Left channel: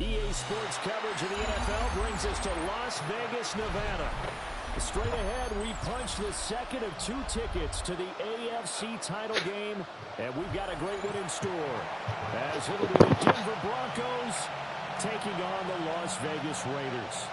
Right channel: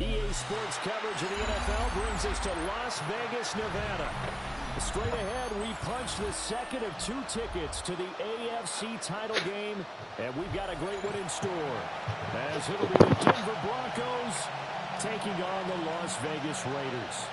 EA Sports coverage of the NFL brings us to Las Vegas, Nevada. Straight ahead, we punch the second of 2 tickets to the AFC title game, and we've got a great one in store, as it'll be the Denver Broncos taking on the Las Vegas Raiders.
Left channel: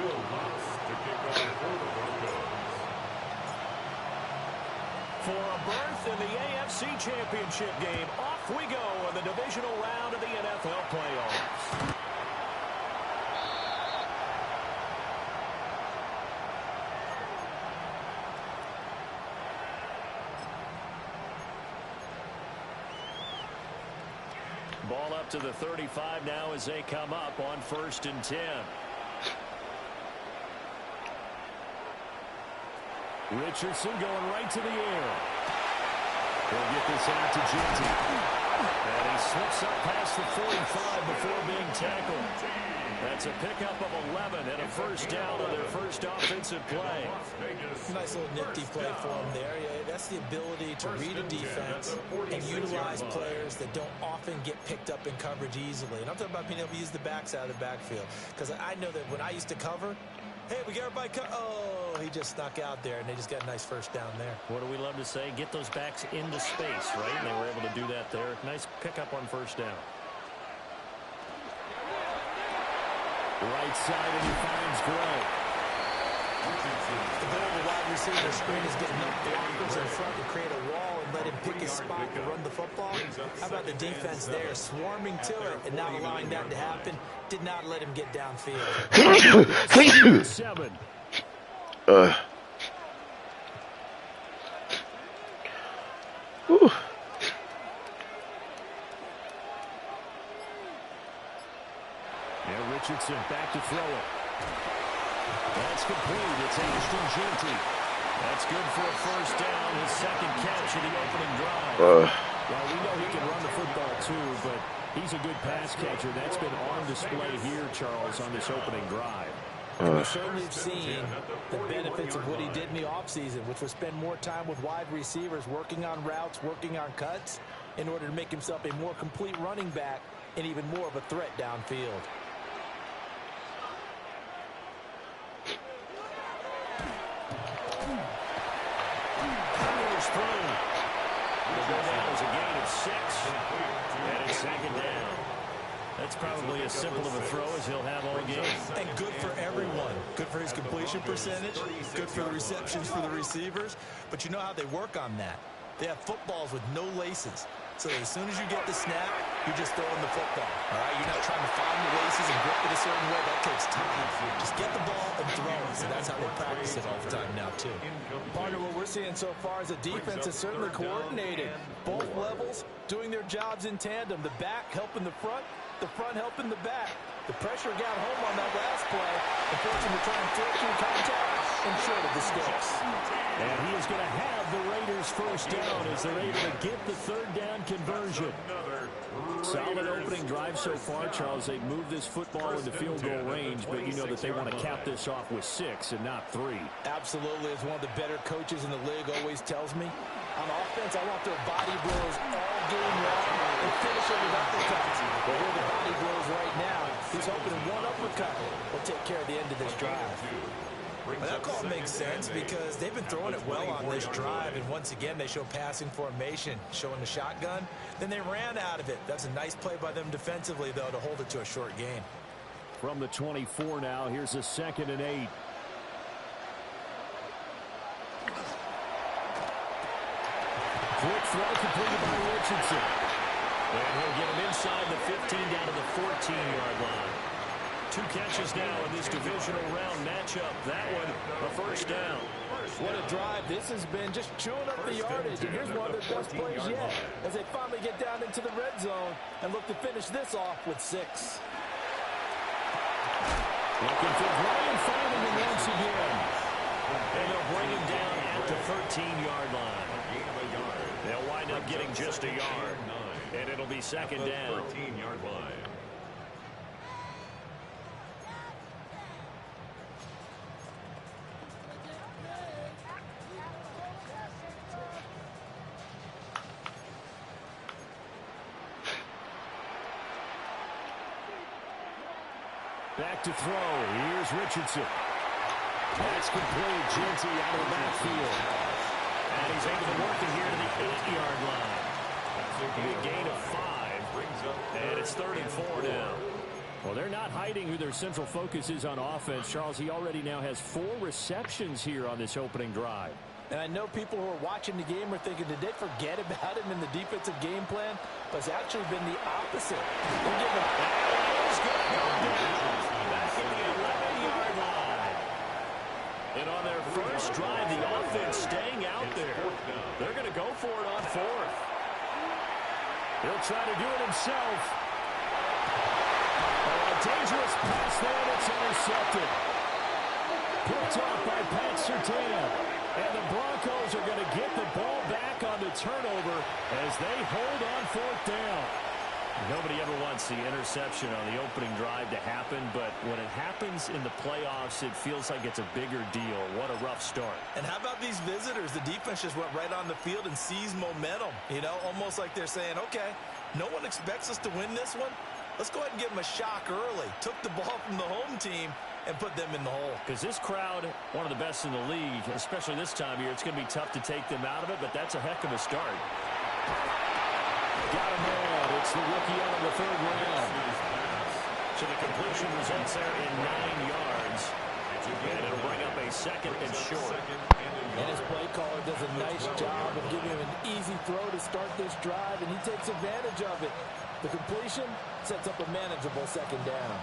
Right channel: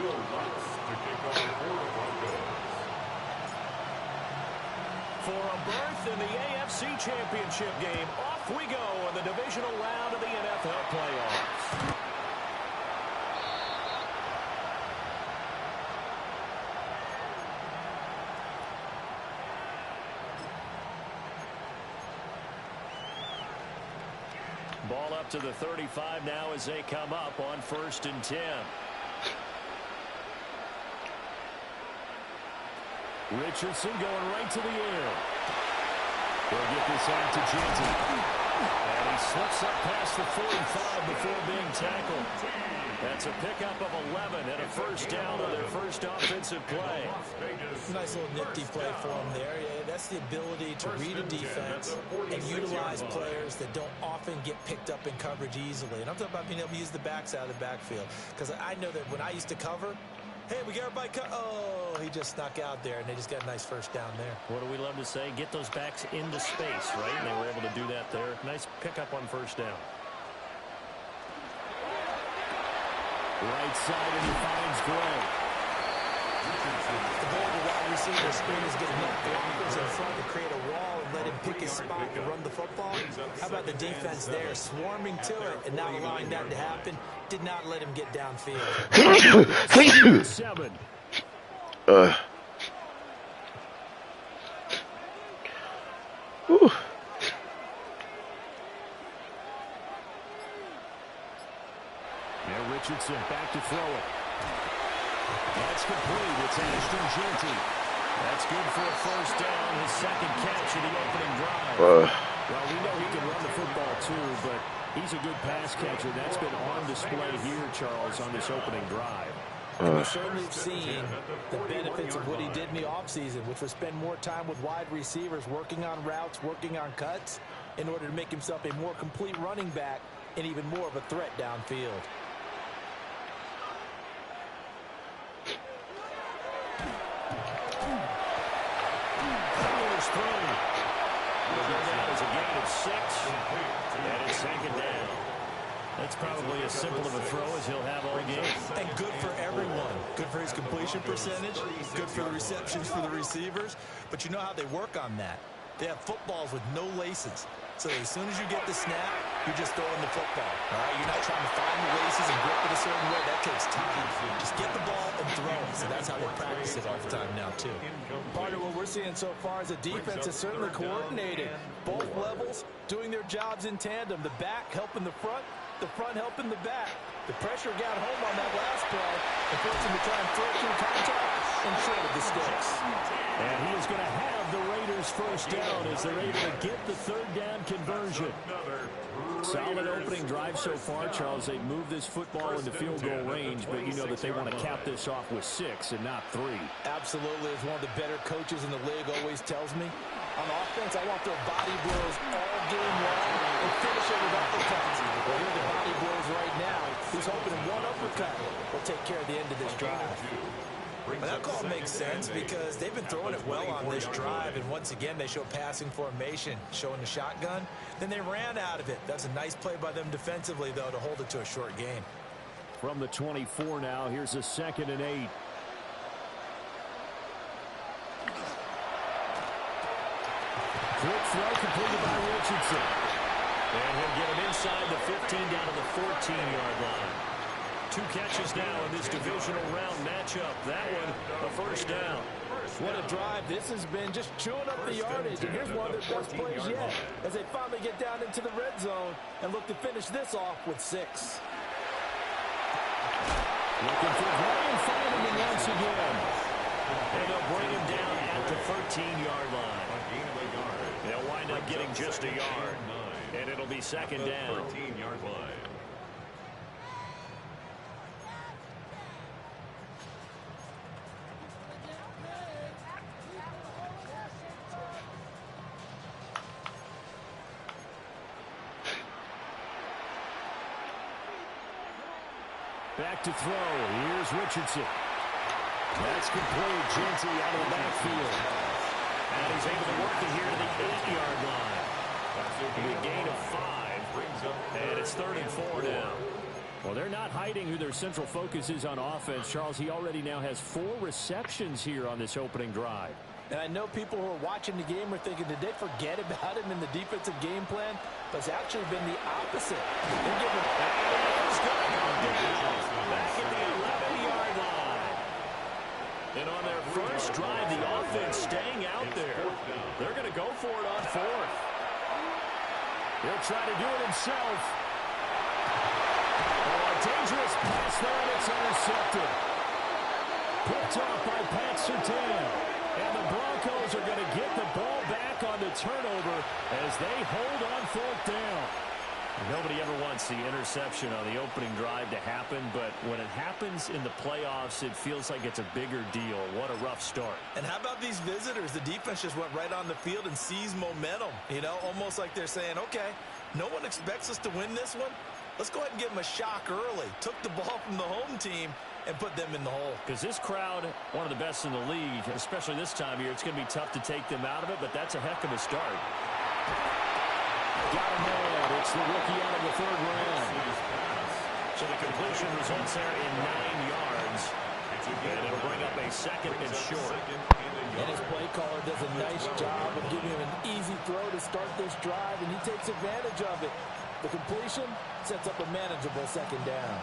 Will Lutz to kick off for the Broncos. For a berth in the AFC Championship game, off we go in the divisional round of the NFL playoffs. Ball up to the 35 now as they come up on 1st and 10. Richardson going right to the air. He'll get this out to Genty. And he slips up past the 45 before being tackled. That's a pickup of 11 and a first down on their first offensive play. Nice little nifty play for him there. Yeah, that's the ability to read a defense and utilize players that don't often get picked up in coverage easily. And I'm talking about being able to use the backs out of the backfield. Because I know that when I used to cover, hey, we got everybody oh, he just snuck out there, and they just got a nice first down there. What do we love to say? Get those backs into space, right? And they were able to do that there. Nice pickup on first down. Right side, and he finds Gray. The goal of a wide receiver screen is getting enough blockers in front to create a wall and let him pick his spot to run the football. How about the defense there, swarming to it and not allowing that to happen? Did not let him get downfield. 7. Now Richardson back to throw it. That's complete. It's Ashton Genty. That's good for a first down. His second catch of the opening drive. Well, we know he can run the football too, but he's a good pass catcher. That's been on display here, Charles, on this opening drive. And we certainly have seen the benefits of what he did in the offseason, which was spend more time with wide receivers, working on routes, working on cuts, in order to make himself a more complete running back and even more of a threat downfield. Through. It'll go down as a gain of 6, and it's second down. That's probably as simple of a throw as he'll have all game. And good for everyone. Good for his completion percentage, good for the receptions for the receivers. But you know how they work on that. They have footballs with no laces. So as soon as you get the snap, you're just throwing the football. All right, you're not trying to find the laces and grip it a certain way. That takes time. Just get the ball and throw it. So that's how they practice it all the time now, too. Part of what we're seeing so far is the defense is certainly coordinated. Both levels doing their jobs in tandem. The back helping the front helping the back. The pressure got home on that last play and forced him to try and throw through contact and short of the sticks. And he is going to have the Raiders first down as they're able to get the third down conversion. Solid opening drive so far, Charles. They've moved this football into field goal range, but you know that they want to cap this off with 6 and not 3. Absolutely. As one of the better coaches in the league always tells me, on offense, I want their body blows all game long and finish it with uppercuts. Well, here are the body blows right now. He's hoping one uppercut will take care of the end of this drive. Well, that call makes sense because they've been throwing it well on this drive, and once again they show passing formation, showing the shotgun. Then they ran out of it. That's a nice play by them defensively, though, to hold it to a short gain. From the 24 now, here's a 2nd and 8. Quick throw completed by Richardson. And he'll get him inside the 15 down to the 14-yard line. 2 catches now in this divisional round matchup. That one, a first down. What a drive this has been, just chewing up the yardage. And here's one of their best plays yet as they finally get down into the red zone and look to finish this off with 6. Looking for Gray and finding him once again. And they'll bring him down at the 13-yard line. They'll wind up getting just a yard. And it'll be second down. 13-yard line. Back to throw. Here's Richardson. That's complete. Jeanty out of the backfield. And he's able to work it here to the 8-yard line. A gain of 5. And it's 3rd and 4 now. Well, they're not hiding who their central focus is on offense. Charles, he already now has 4 receptions here on this opening drive. And I know people who are watching the game are thinking, did they forget about him in the defensive game plan? But it's actually been the opposite. They're giving him... And he is going to go down. Back at the 11-yard line. And on their first drive, the offense staying out there. They're going to go for it on 4th. He'll try to do it himself. Oh, a dangerous pass there, and it's intercepted. Picked off by Pat Surtain. And the Broncos are going to get the ball back on the turnover as they hold on 4th down. Nobody ever wants the interception on the opening drive to happen, but when it happens in the playoffs, it feels like it's a bigger deal. What a rough start. And how about these visitors? The defense just went right on the field and seized momentum. You know, almost like they're saying, okay, no one expects us to win this one. Let's go ahead and give them a shock early. Took the ball from the home team and put them in the hole. Because this crowd, one of the best in the league, especially this time of year, it's going to be tough to take them out of it, but that's a heck of a start. Got him there. It's the rookie out of the 3rd round. So the completion results there in 9 yards. And it'll bring up a 2nd and short. And his play caller does a nice job of giving him an easy throw to start this drive, and he takes advantage of it. The completion sets up a manageable 2nd down.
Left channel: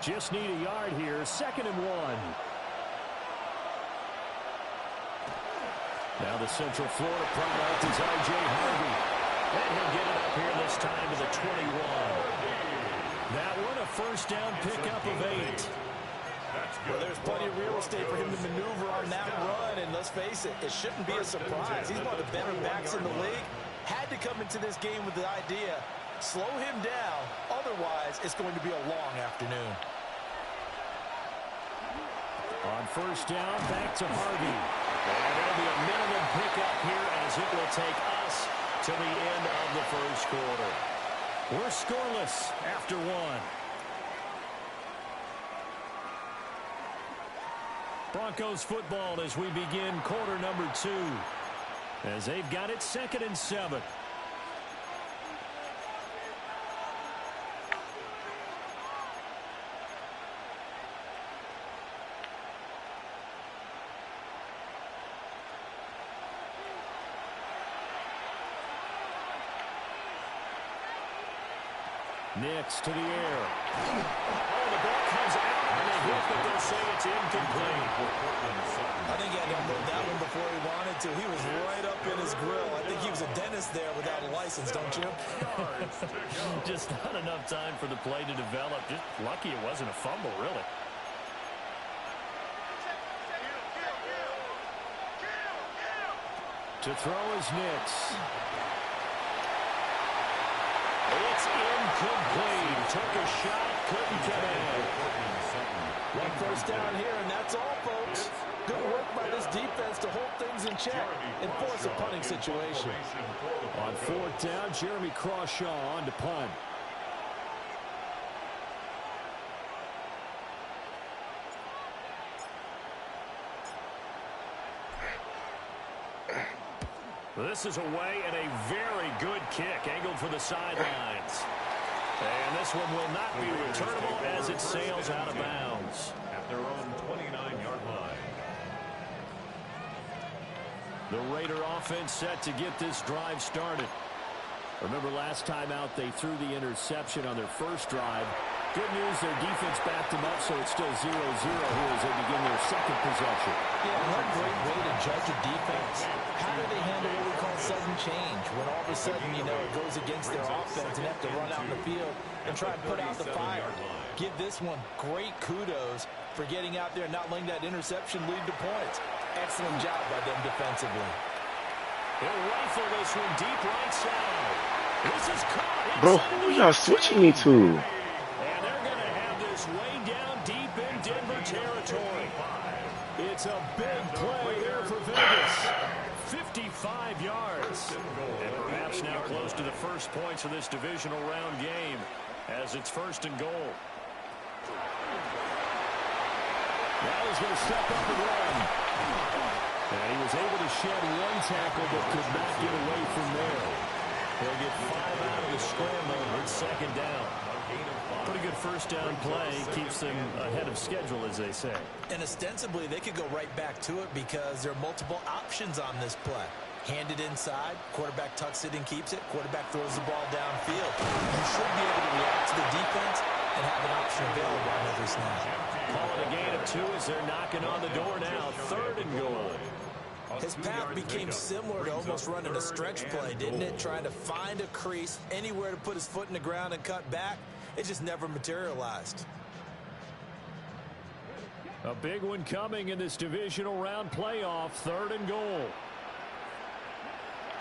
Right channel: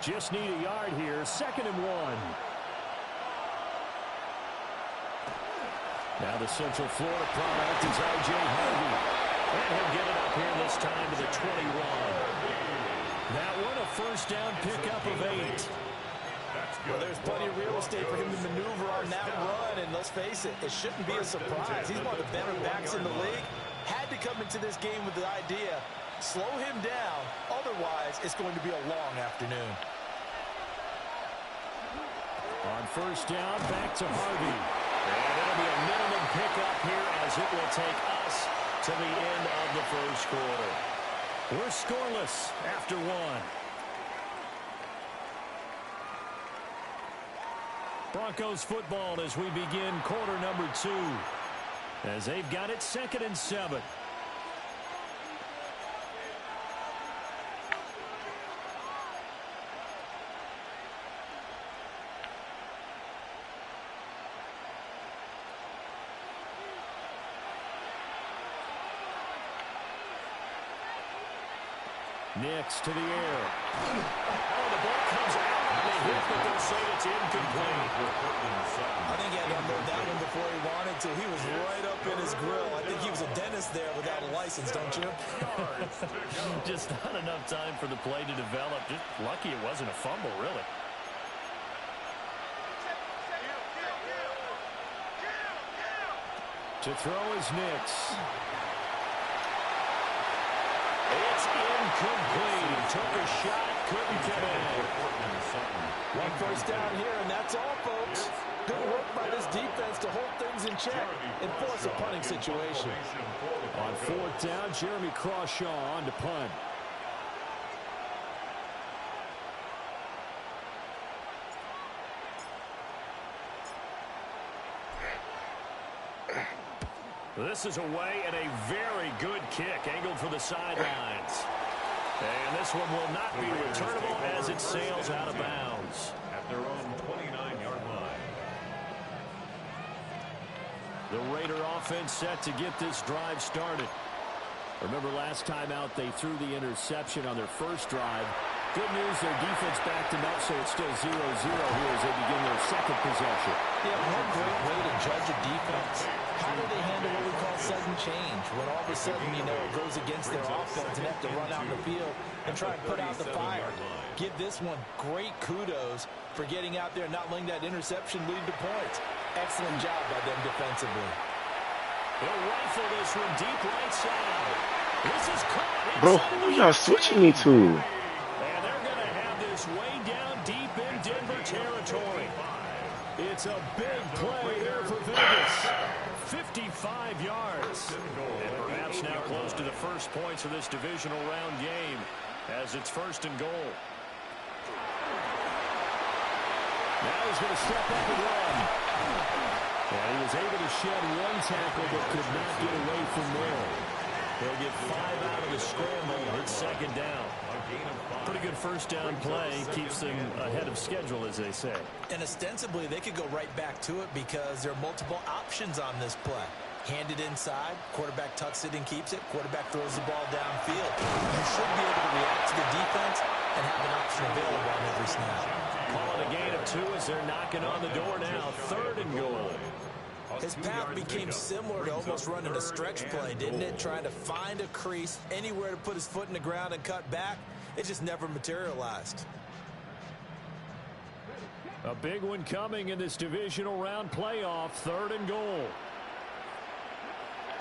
Just need a yard here. 2nd and 1. Now the Central Florida product is R.J. Harvey. And he'll get it up here this time to the 21. That one a first down pickup of 8. Well, there's plenty of real estate for him to maneuver on that run, and let's face it, it shouldn't be a surprise. He's one of the better backs in the league. Had to come into this game with the idea, slow him down, otherwise it's going to be a long afternoon. On first down, back to Harvey. And it'll be a minimum pickup here as it will take us to the end of the first quarter. We're scoreless after 1. Broncos football as we begin quarter number 2. As they've got it 2nd and 7. Nix to the air. Oh, the ball comes out on the hit, but they'll say it's incomplete. I think he had to unload that one before he wanted to. He was right up in his grill. I think he was a dentist there without a license, don't you? Just not enough time for the play to develop. Just lucky it wasn't a fumble, really. To throw is Nix. It's incomplete. Took a shot, couldn't get in. One first down here, and that's all, folks. Good work by this defense to hold things in check and force a punting situation. On 4th down, Jeremy Crawshaw on to punt. This is away and a very good kick angled for the sidelines. And this one will not be returnable as it sails out of bounds. At their own 29-yard line. The Raider offense set to get this drive started. Remember last time out they threw the interception on their first drive. Good news, their defense backed them up, so it's still 0-0 here as they begin their second possession. Yeah, one great way to judge a defense. How do they handle what we call sudden change? When all of a sudden, you know, it goes against their offense and have to run out in the field and try and put out the fire. Give this one great kudos for getting out there and not letting that interception lead to points. Excellent job by them defensively. He'll rifle this one deep right side. This is caught. Bro, who y'all switching me to? And they're going to have this way down deep in Denver territory. It's a big play here for Vegas. 55 yards. And perhaps now close to the first points of this divisional round game as it's 1st and goal. Now he's going to step up and run. And he was able to shed one tackle but could not get away from there. He'll get 5 out of the scramble. It's 2nd down. Pretty good first down play. Keeps them ahead of schedule, as they say. And ostensibly, they could go right back to it because there are multiple options on this play. Hand it inside. Quarterback tucks it and keeps it. Quarterback throws the ball downfield. You should be able to react to the defense and have an option available on every snap. Calling a gain of 2 as they're knocking on the door now. 3rd and goal. His path became similar to almost running a stretch play, didn't it? Trying to find a crease, anywhere to put his foot in the ground and cut back. It just never materialized. A big one coming in this divisional round playoff. 3rd and goal.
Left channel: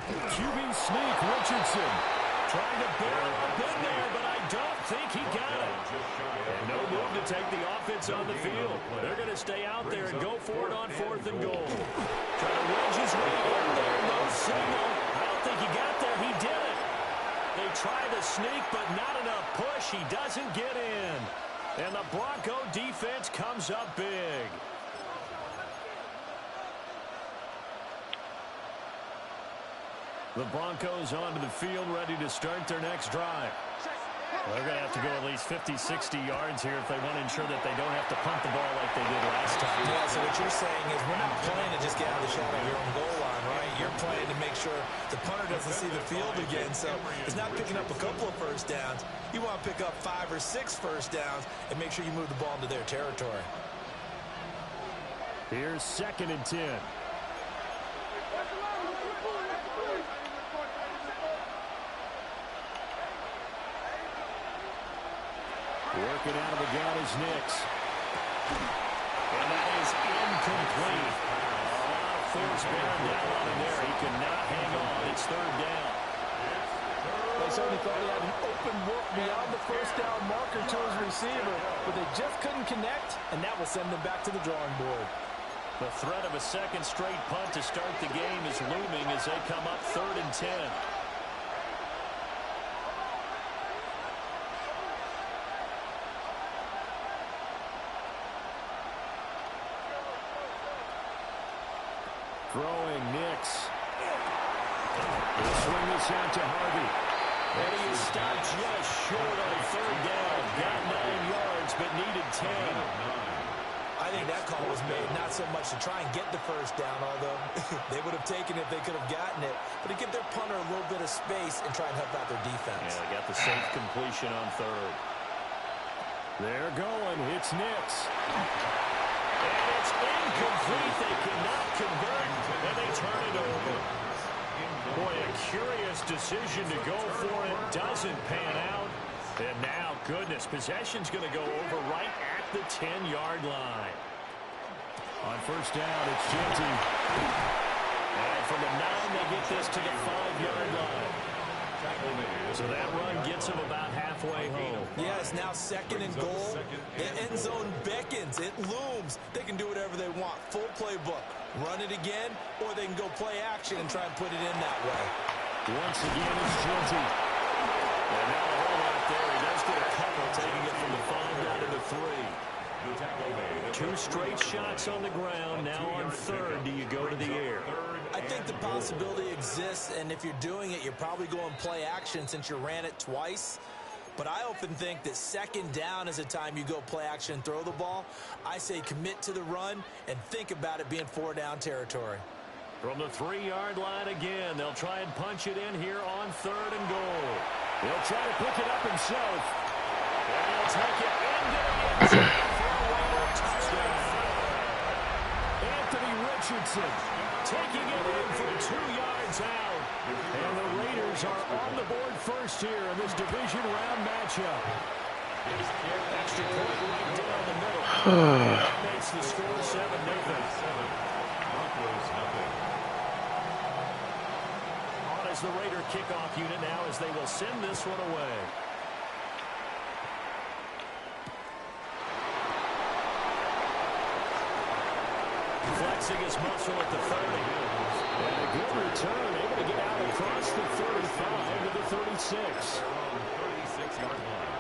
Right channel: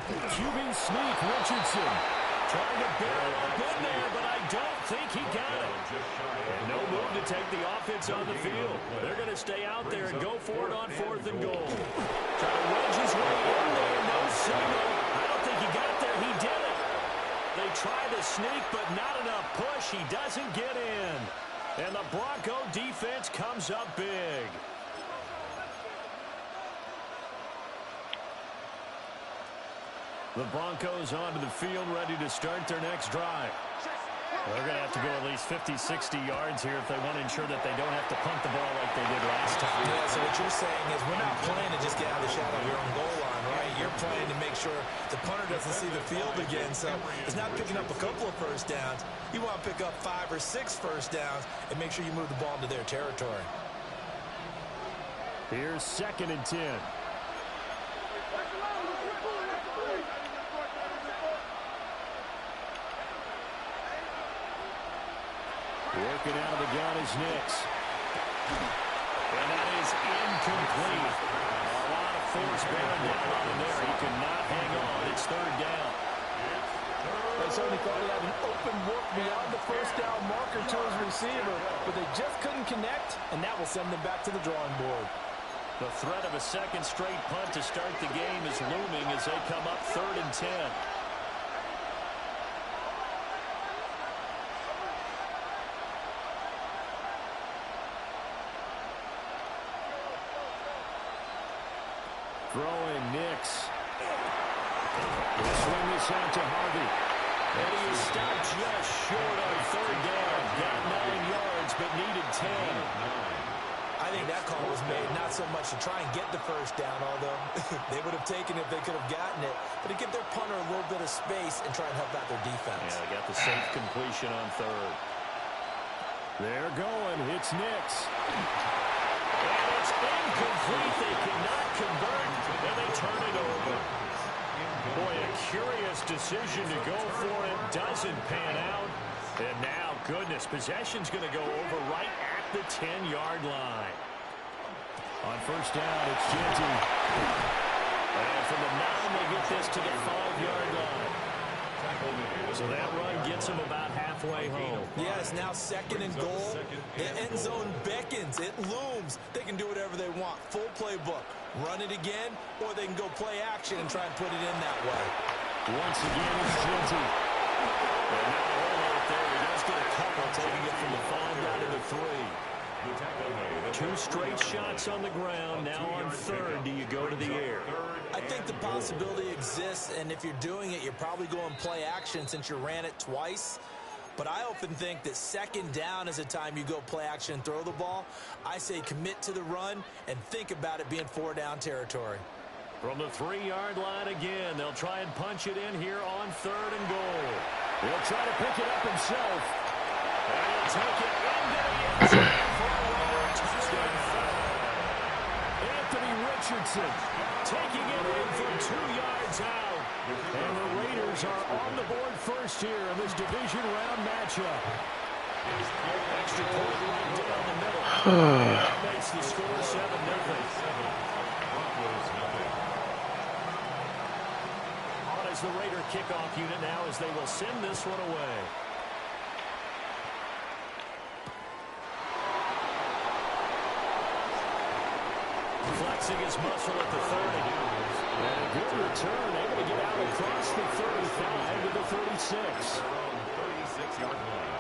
QB sneak, Richardson. Trying to barrel up in there, but I don't think he got it. And no move to take the offense on the field. They're going to stay out there and go for it on 4th and goal. Trying to wedge his way in there. No signal. I don't think he got there. He did it. They try the sneak, but not enough push. He doesn't get in. And the Bronco defense comes up big. The Broncos onto the field, ready to start their next drive. They're going to have to go at least 50, 60 yards here if they want to ensure that they don't have to punt the ball like they did last time. Yeah, so what you're saying is we're not playing to just get out of the shadow of your own goal line, right? You're playing to make sure the punter doesn't see the field again. So it's not picking up a couple of first downs. You want to pick up 5 or 6 first downs and make sure you move the ball into their territory. Here's 2nd and 10. Working out of the gun is Nix. And that is incomplete. A lot of force bearing down on him there. He could not hang on. It's 3rd down. They certainly thought he had an open look beyond the first down marker to his receiver, but they just couldn't connect, and that will send them back to the drawing board. The threat of a 2nd straight punt to start the game is looming as they come up 3rd and 10. Throwing Nix. He'll swing this out to Harvey. And he is stopped just short on 3rd down. Got 9 yards, but needed 10. I think that call was made not so much to try and get the first down, although they would have taken it if they could have gotten it, but to give their punter a little bit of space and try and help out their defense. Yeah, they got the safe completion on 3rd. They're going. It's Nix. And it's incomplete. They cannot convert, and they turn it over. Boy, a curious decision to go for it. Doesn't pan out. And now, goodness, possession's going to go over right at the 10-yard line. On 1st down, it's Jeanty. And from the 9, they get this to the 5-yard line. So that run gets them about halfway home. Yeah, it's now 2nd and goal. The end zone beckons. It looms. They can do whatever they want. Full playbook. Run it again, or they can go play action and try and put it in that way. Once again, it's Jeanty. And not a whole lot there. He does get a couple, taking it from the 5 down to the 3. 2 straight shots on the ground. Now on 3rd, do you go to the air? I think the possibility exists, and if you're doing it, you're probably going play action since you ran it twice. But I often think that second down is a time you go play action and throw the ball. I say commit to the run and think about it being 4-down territory. From the 3-yard line again, they'll try and punch it in here on 3rd and goal. He'll try to pick it up himself. And he'll take it into the end zone for a Raider touchdown. Anthony Richardson taking it in for 2 yards out. And the Raiders are on the board first here in this division round matchup. Extra point right down the middle. That makes the score 7-0. Broncos nothing. On as the Raider kickoff unit now as they will send this one away. Flexing his muscle at the 30. And a good return, able to get out across the 35 to the 36. At their own 36-yard line.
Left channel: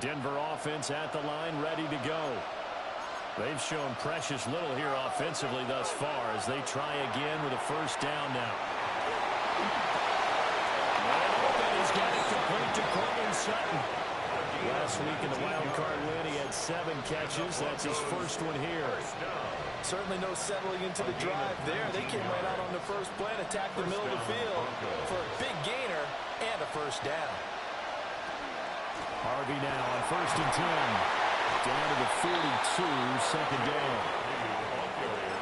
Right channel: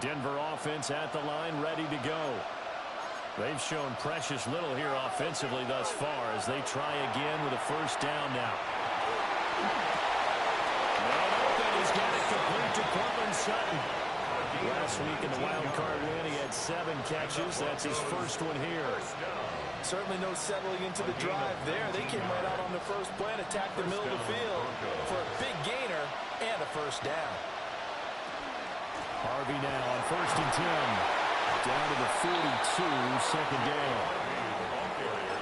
Denver offense at the line, ready to go. They've shown precious little here offensively thus far as they try again with a first down now. And open, he's got it complete to Courtland Sutton. Last week in the wild card win, he had 7 catches. That's his first one here. Certainly no settling into the drive there. They came right out on the first play and attacked the middle of the field for a big gainer and a first down. Harvey now on 1st and 10. Down to the 42, second down.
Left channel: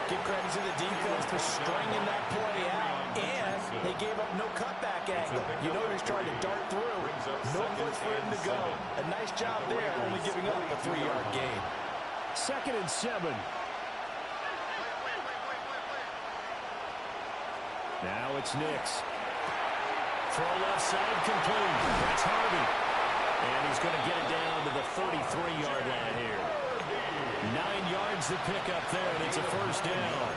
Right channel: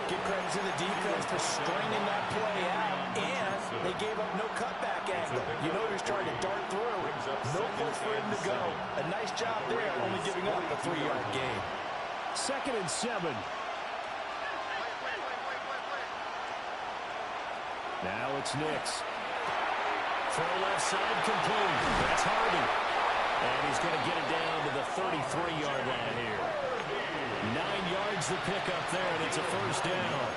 Give credit to the defense for stringing that play out, and they gave up no cutback angle. You know he's trying to dart through. No place for him to go. A nice job there, only giving up a 3-yard gain. 2nd and 7. Now it's Nix. Throw left side complete. That's Harvey. And he's going to get it down to the 33-yard line here. 9 yards to pick up there, and it's a first down.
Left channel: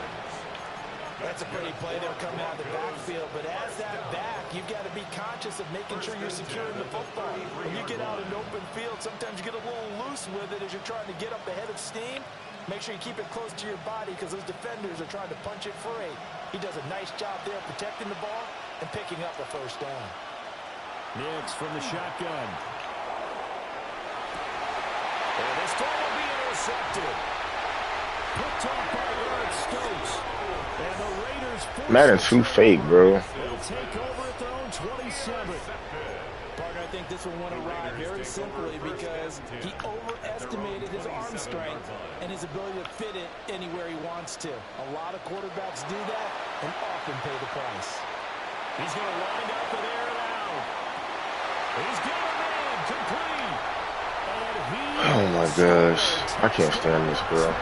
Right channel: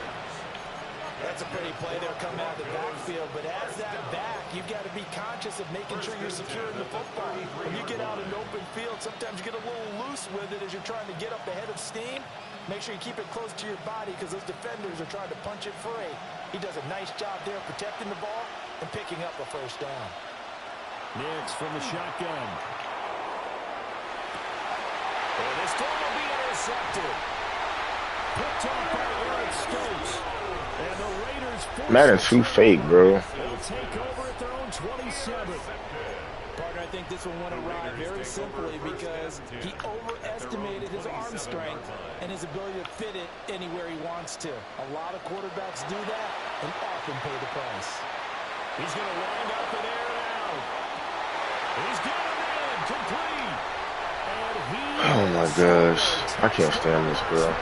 That's a pretty play there coming out of the backfield. But as that back, you've got to be conscious of making sure you're securing the football. When you get out in open field, sometimes you get a little loose with it as you're trying to get up ahead of steam. Make sure you keep it close to your body because those defenders are trying to punch it free. He does a nice job there protecting the ball and picking up a first down. Nix from the shotgun. And this throw will be intercepted. Picked off by Eric Stokes. And the Raiders Madden too fake, bro. they'll take over at their own 27. Partner, I think this one went awry very simply because he overestimated his arm strength and his ability to fit it anywhere he wants to. A lot of quarterbacks do that and often pay the price. He's going to wind up and air it out. He's got a man complete. And he Oh my gosh. I can't stand this, bro.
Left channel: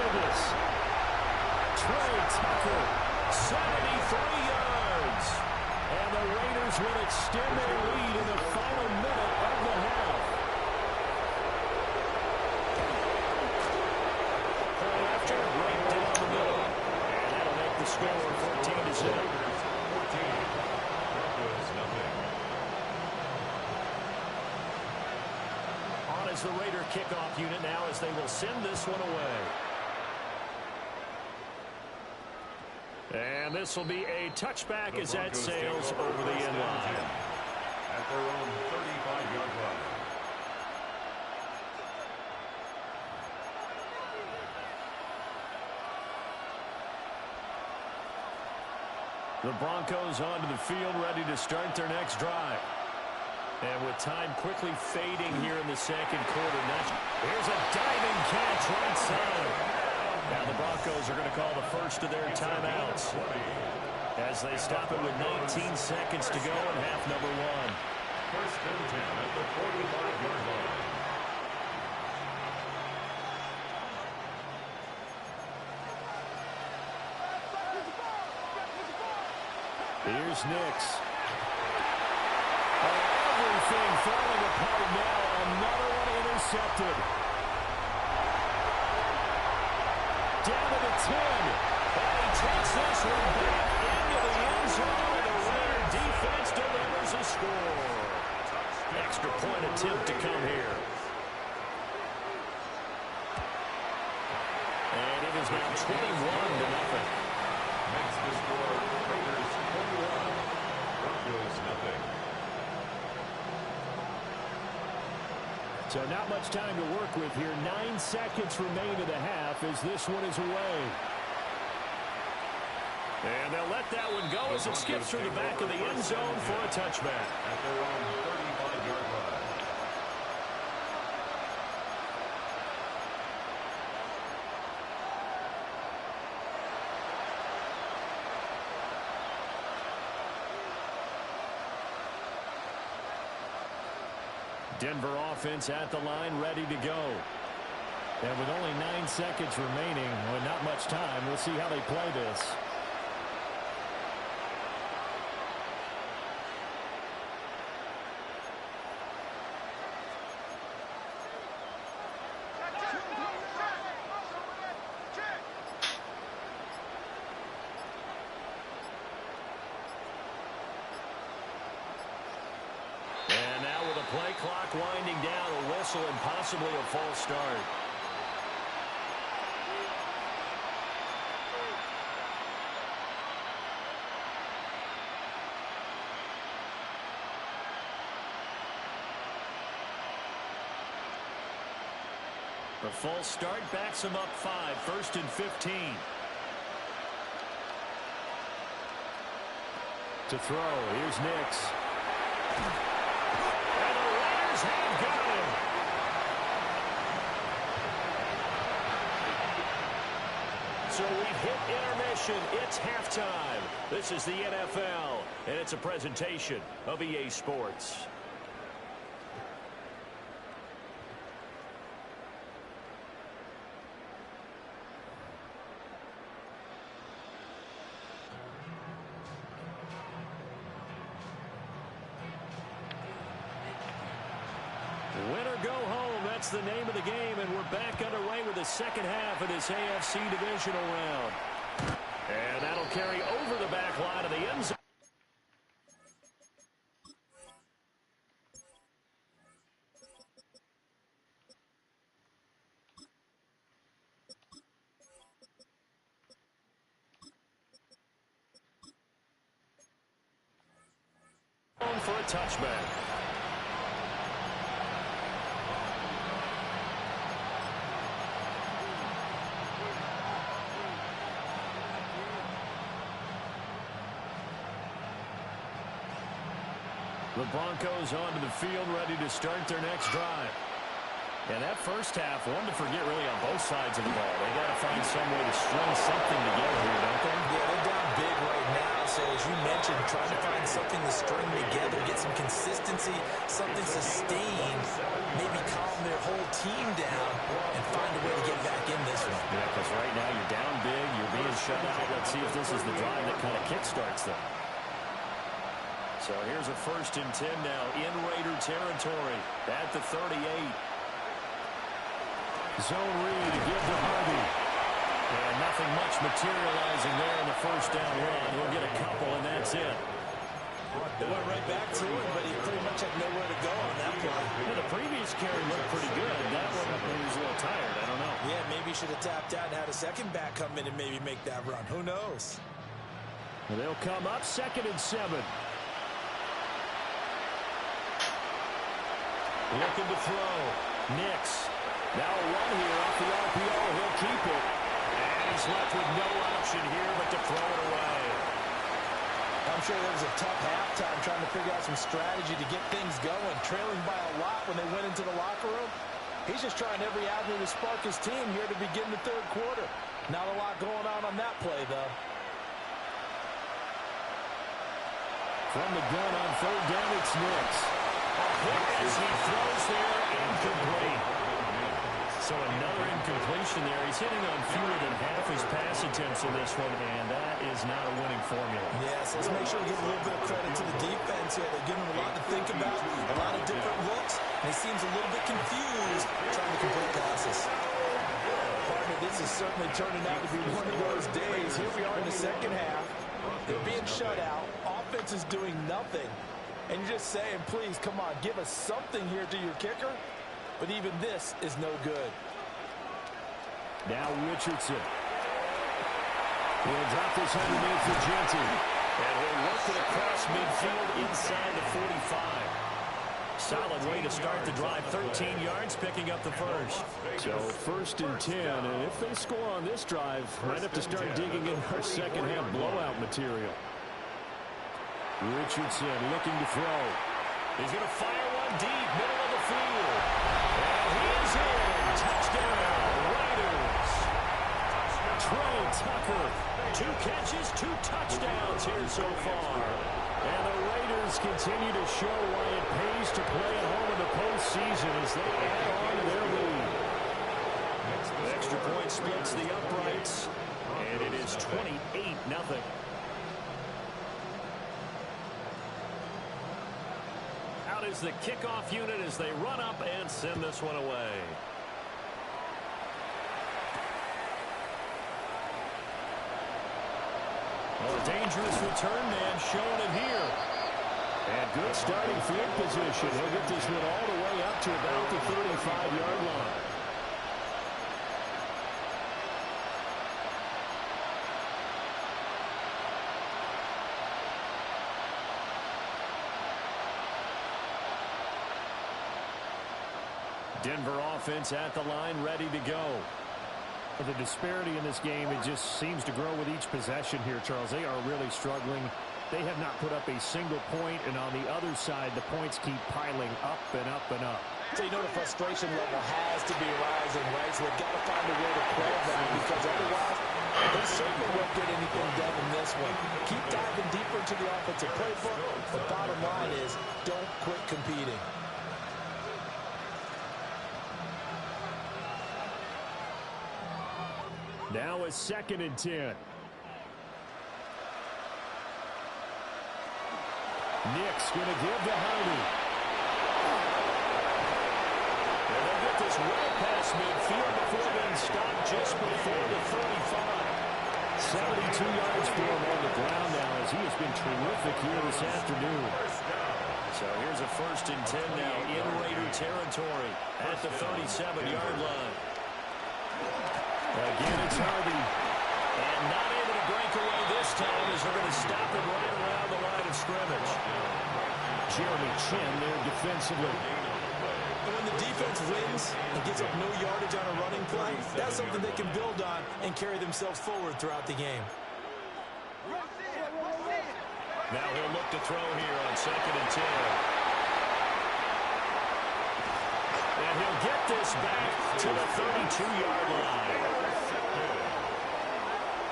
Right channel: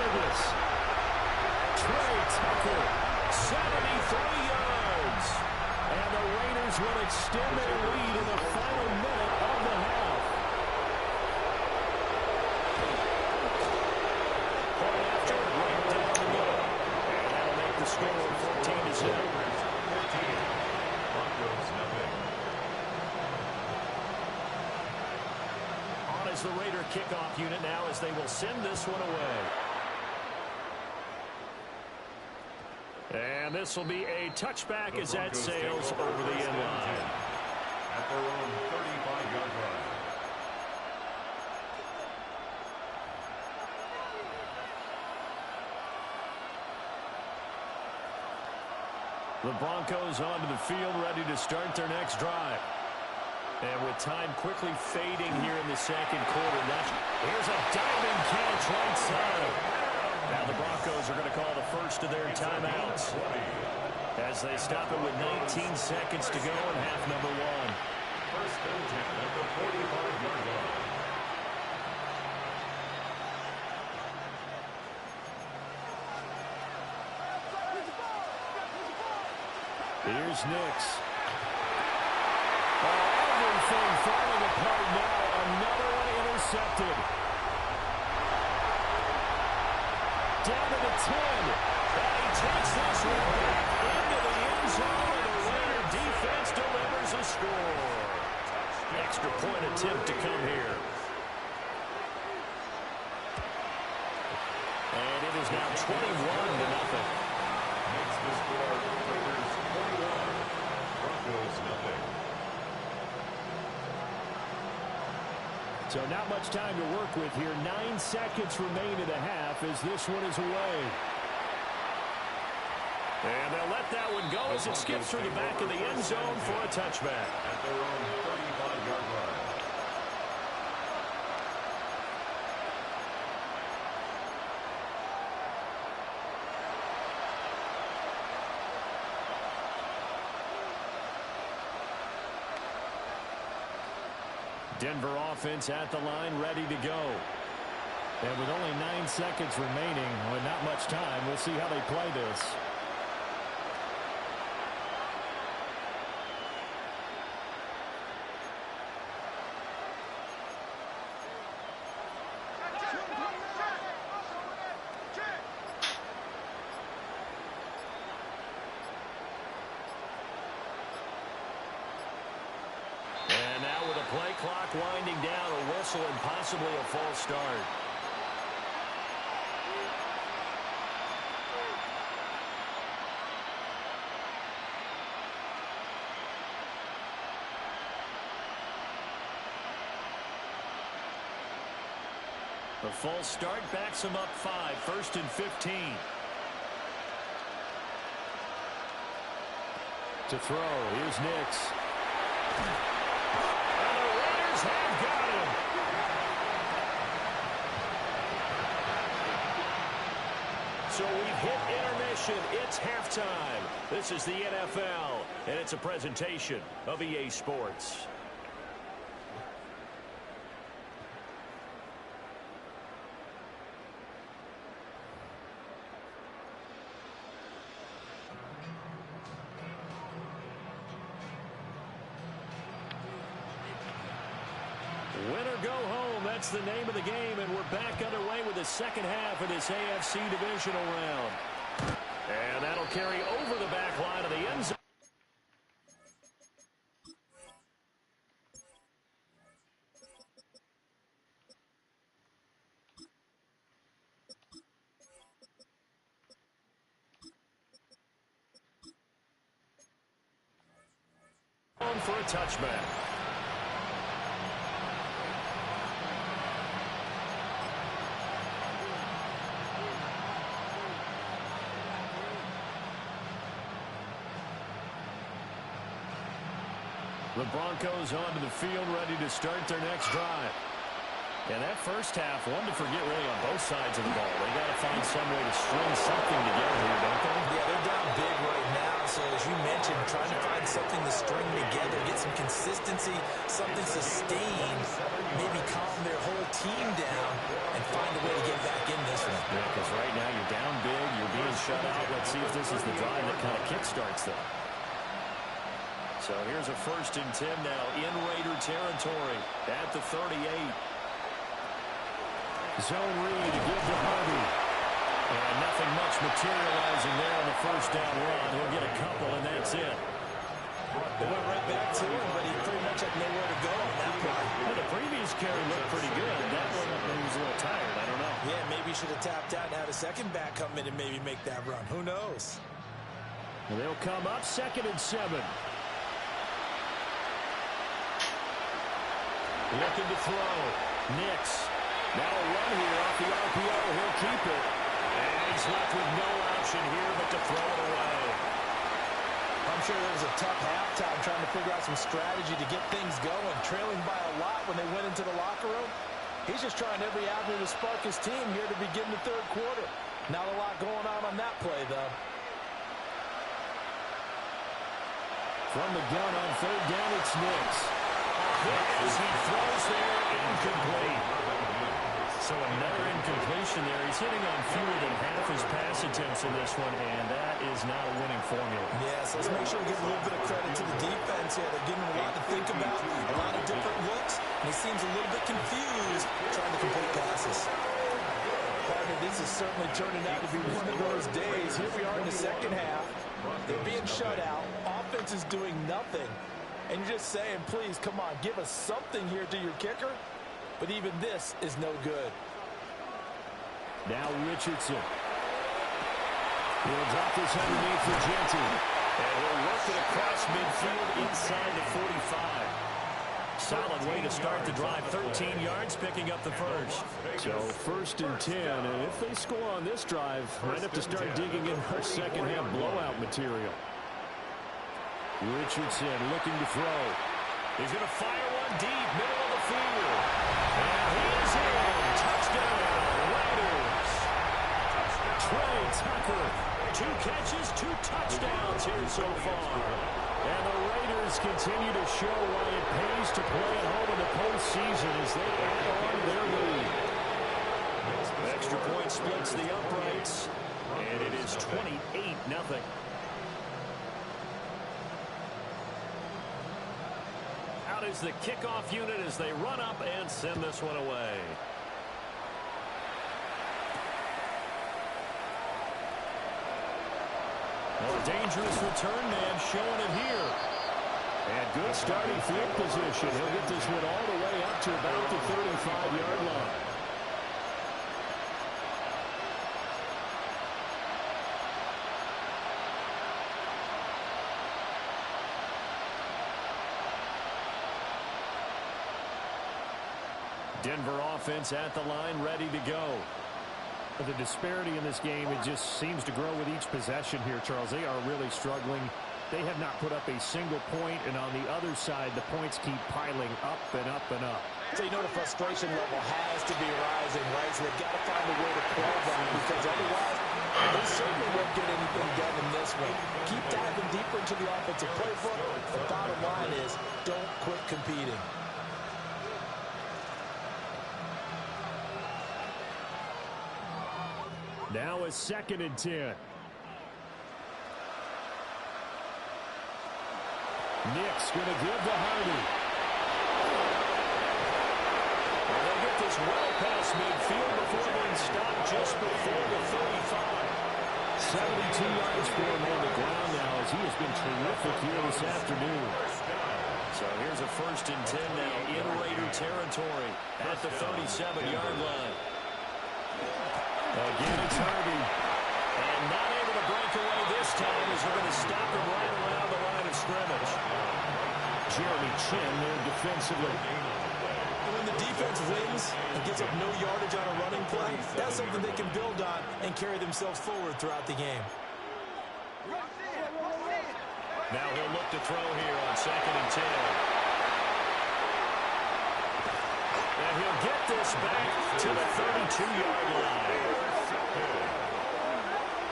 Trey Tucker, 73 yards. And the Raiders will extend their lead in the final minute of the half. Point after, right down the middle. And that'll make the score 14-0. Broncos nothing. On as the Raider kickoff unit now as they will send this one away. And this will be a touchback as that sails over the end line. At their own 35-yard line. The Broncos onto the field ready to start their next drive. And with time quickly fading here in the second quarter. Here's a diving catch right side. Now the Broncos are going to call the first of their timeouts as they stop it with 19 seconds to go in half number 1. 1st and 10 at the 45-yard line. Here's Nix. Oh, everything falling apart now. Another one intercepted. Down to the 10. And he takes this one back into the end zone. And the Raider defense delivers a score. Extra point attempt to come here. And it is now 21-0. Makes the score Raiders 21, Broncos nothing. So not much time to work with here. 9 seconds remain in the half as this one is away. And they'll let that one go as it skips through the back of the end zone for a touchback. At their own 35-yard line. Denver offense at the line, ready to go. And with only 9 seconds remaining, with not much time, we'll see how they play this. Play clock winding down, a whistle and possibly a false start. The false start backs him up 5, 1st and 15. To throw, here's Nix. Have got him. So we've hit intermission. It's halftime. This is the NFL, and it's a presentation of EA Sports. Win or go home, that's the name of the game, and we're back underway with the second half of this AFC divisional round. And that'll carry over the back line of the end zone. On for a touchback. The Broncos onto the field, ready to start their next drive. And that first half, one to forget really on both sides of the ball. They got to find some way to string something together here, don't they? Yeah, they're down big right now. So as you mentioned, trying to find something to string together, get some consistency, something sustained, maybe calm their whole team down and find a way to get back in this one. Yeah, because right now you're down big, you're being shut out. Let's see if this is the drive that kind of kickstarts them. So here's a 1st and 10 now in Raider territory at the 38. Zone read to give to Harvey. And nothing much materializing there on the first down run. He'll get a couple, and that's it. It went right back to him, but he pretty much had nowhere to go on that play. Yeah, the previous carry looked pretty good. That one, he was a little tired. I don't know. Yeah, maybe he should have tapped out and had a second back come in and maybe make that run. Who knows? Well, they'll come up 2nd and 7. Looking to throw. Nix. Now a run here off the RPO. He'll keep it. And he's left with no option here but to throw it away. I'm sure there was a tough halftime trying to figure out some strategy to get things going. Trailing by a lot when they went into the locker room. He's just trying every avenue to spark his team here to begin the 3rd quarter. Not a lot going on that play, though. From the gun on 3rd down, it's Nix. A hit as he throws there, incomplete. So another incompletion there. He's hitting on fewer than half his pass attempts in this one, and that is not a winning formula. Yes, let's make sure we give a little bit of credit to the defense here. They're giving him a lot to think about, a lot of different looks, and he seems a little bit confused trying to complete passes. Partner, this is certainly turning out to be one of those days. Here we are in the second half. They're being shut out. Offense is doing nothing. And you're just saying, please, come on, give us something here to your kicker. But even this is no good. Now Richardson. He'll drop this underneath for Jeanty. And he'll work it across midfield inside the 45. Solid way to start the drive. 13 yards, picking up the first. So 1st and 10, and if they score on this drive, might have to start digging in our second half blowout material. Richardson looking to throw. He's going to fire one deep, middle of the field. And he is in. Touchdown, Raiders. Trey Tucker, 2 catches, 2 touchdowns here so far. And the Raiders continue to show why it pays to play at home in the postseason as they add on to their lead. The extra point splits the uprights, and it is 28-0. Out is the kickoff unit as they run up and send this one away. Well, a dangerous return man showing it here. And good starting field position. He'll get this one all the way up to about the 35-yard line. Denver offense at the line, ready to go. The disparity in this game, it just seems to grow with each possession here, Charles. They are really struggling. They have not put up a single point, and on the other side, the points keep piling up and up and up. So you know the frustration level has to be rising, right? So they've got to find a way to quell that, because otherwise they certainly won't get anything done in this one. Keep diving deeper into the offensive playbook. The bottom line is don't quit competing. Now a 2nd and 10. Nick's going to give to Hardy. And they'll get this well past midfield before being stopped just before the 35. 72 yards for him on the ground now as he has been terrific here this afternoon. So here's a 1st and 10 now in Raider territory at the 37-yard line. Again, it's Harvey. And not able to break away this time as they're going to stop him right around the line of scrimmage. Jeremy Chin there defensively. And when the defense wins and gets up no yardage on a running play, that's something they can build on and carry themselves forward throughout the game. Now he'll look to throw here on 2nd and 10. And he'll get this back to the 32-yard line.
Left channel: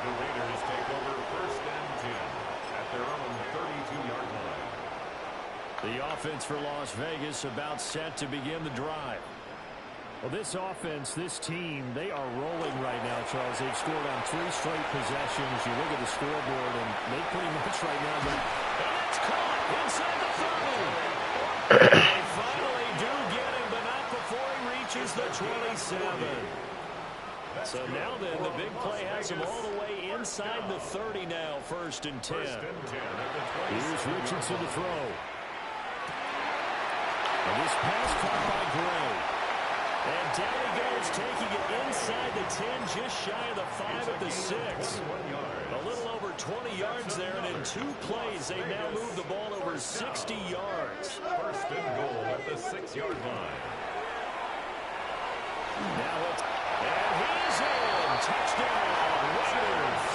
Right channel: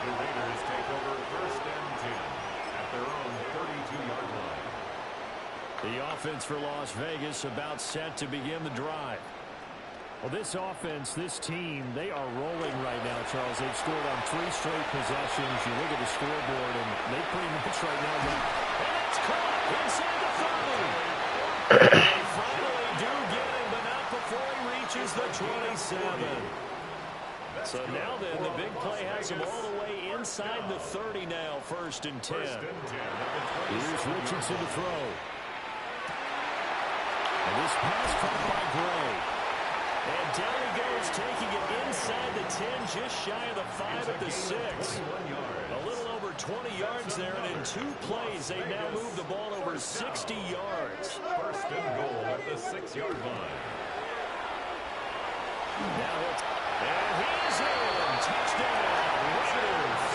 The Raiders take over 1st and 10 at their own 32-yard line. The offense for Las Vegas about set to begin the drive. Well, this offense, this team, they are rolling right now, Charles. They've scored on 3 straight possessions. You look at the scoreboard, and they pretty much right now got... And that's caught inside the 30. They finally do get him, but not before he reaches the 27. So now then, the big play has him all the way inside the 30 now, 1st and 10. Here's Richardson to throw. And this pass caught by Gray. And down he goes, taking it inside the 10, just shy of the 5 at the 6. A little over 20 yards there, and in 2 plays, they've now moved the ball over 60 yards. 1st and goal at the 6-yard line. Now and he is in. Touchdown, Raiders.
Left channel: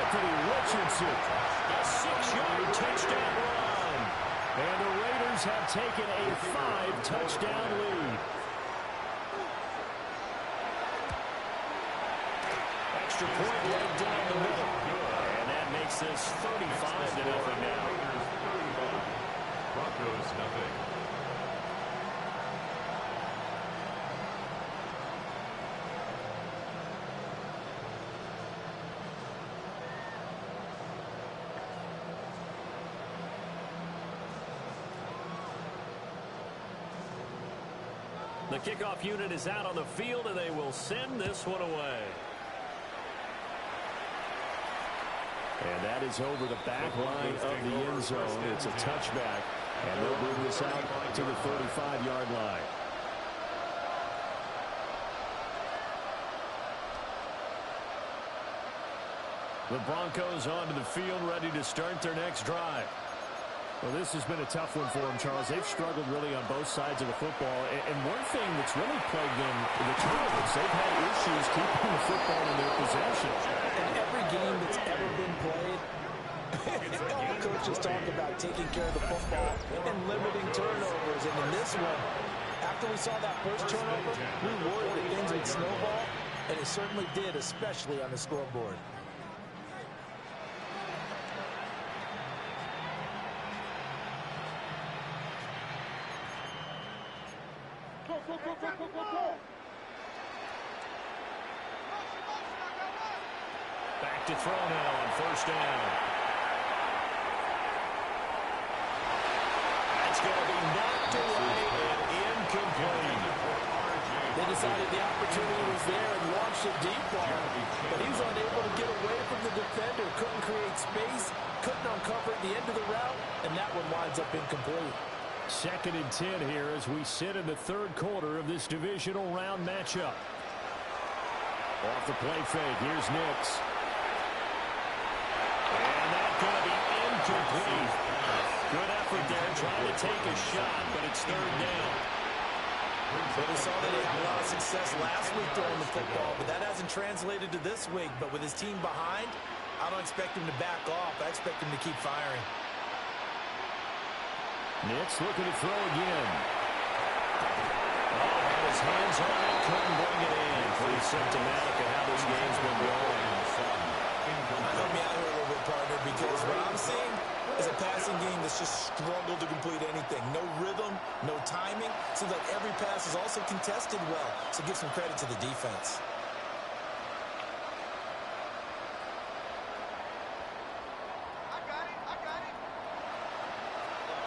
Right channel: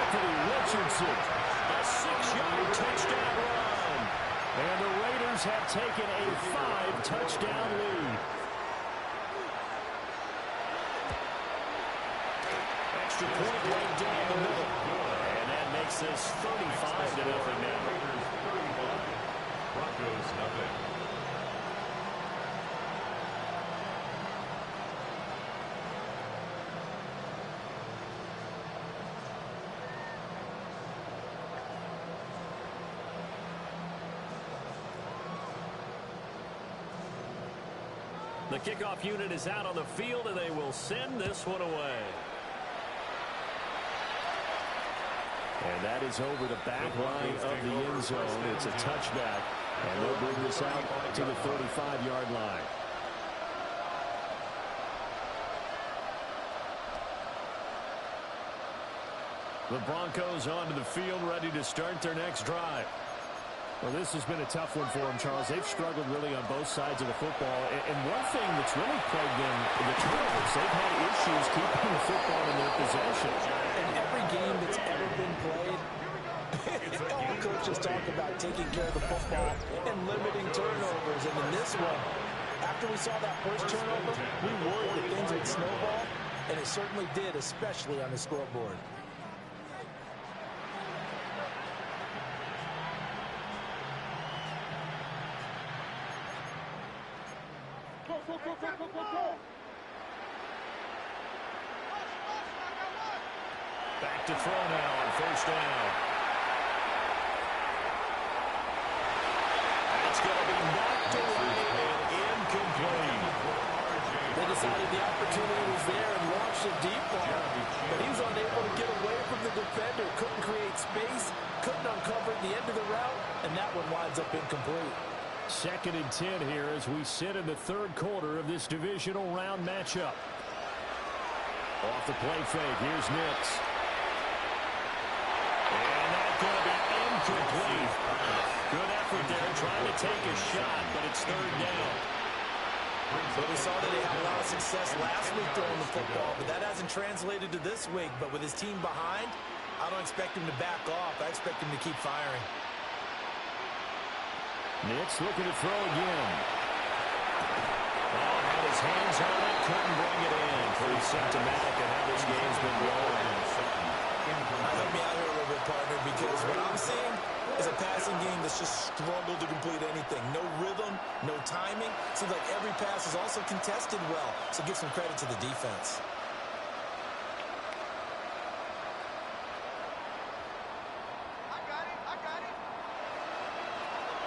Anthony Richardson, a 6-yard touchdown run. And the Raiders have taken a 5-touchdown lead. Extra point right down the middle. And that makes this 35-0 now. Raiders 35, Broncos nothing. The kickoff unit is out on the field, and they will send this one away. And that is over the back line of the end zone. It's a touchback, and they'll bring this out to the 35-yard line. The Broncos onto the field, ready to start their next drive. Well, this has been a tough one for them, Charles. They've struggled really on both sides of the football. And one thing that's really plagued them, the turnovers. They've had issues keeping the football in their possession. In every game that's ever been played, all coaches talk about taking care of the football and limiting turnovers. And in this one, after we saw that first turnover, we worried that things would snowball, and it certainly did, especially on the scoreboard. Back to throw now on first down. That's going to be knocked away and incomplete. They decided the opportunity was there and launched a deep ball, but he was unable to get away from the defender, couldn't create space, couldn't uncover at the end of the route, and that one winds up incomplete. 2nd and 10 here as we sit in the third quarter of this divisional round matchup. Off the play fake, here's Nix. And that's going to be incomplete. Good effort there, trying to take a shot, but it's third down. So we saw that they had a lot of success last week throwing the football, but that hasn't translated to this week. But with his team behind, I don't expect him to back off. I expect him to keep firing. Nix looking to throw again. Oh, had his hands on it, couldn't bring it in. Pretty symptomatic of how this game's been going. Help me out here a little bit, partner, because what I'm seeing is a passing game that's just struggled to complete anything. No rhythm, no timing. Seems like every pass is also contested well, so give some credit to the defense.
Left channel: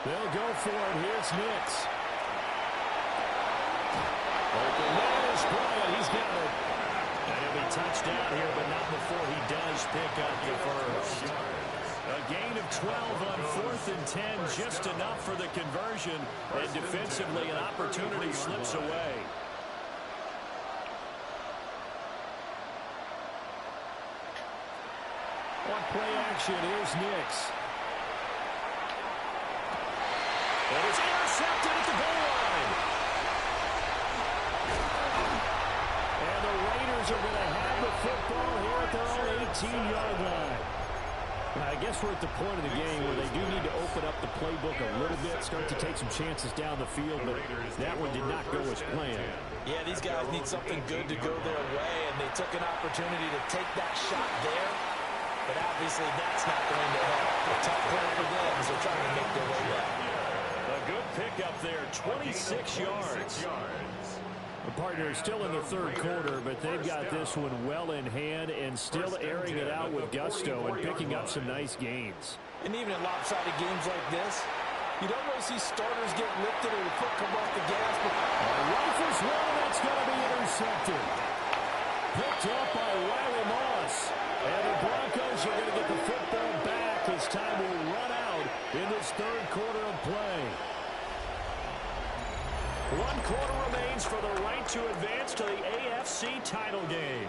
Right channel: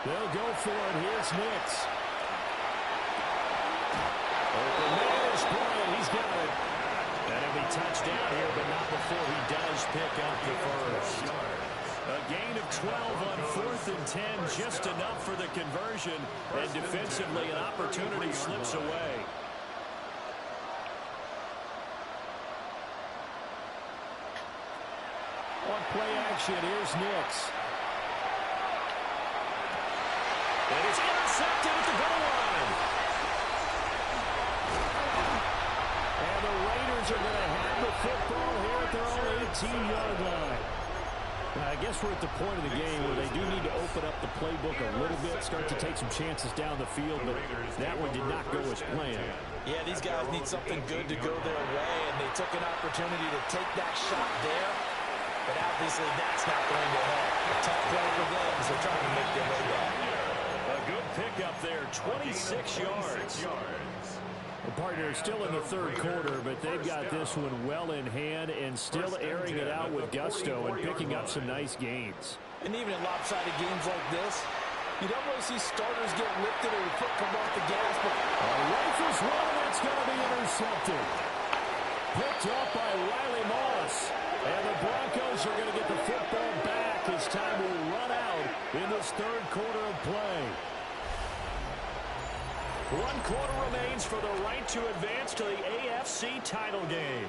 They'll go for it. Here's Nix. Open man is Bryant. He's got it. And he'll be touched down here, but not before he does pick up the first. A gain of 12 on 4th and 10, just enough for the conversion. And defensively, an opportunity slips away. On play action, here's Nix. And it's intercepted at the goal line. And the Raiders are going to have the football here at their own 18-yard line. I guess we're at the point of the game where they do need to open up the playbook a little bit, start to take some chances down the field, but that one did not go as planned. Yeah, these guys need something good to go their way, and they took an opportunity to take that shot there, but obviously that's not going to help. A tough play for them as they're trying to make their way back. A good pickup there, 26 yards. The partner is still in the third quarter, but they've got this one well in hand and still airing it out with gusto and picking up some nice gains. And even in lopsided games like this, you don't really see starters get lifted or the foot come off the gas. But rifles one, and that's going to be intercepted. Picked up by Riley Moss. And the Broncos are going to get the football back as time will run out in this third quarter of play. 1 quarter remains for the right to advance to the AFC title game.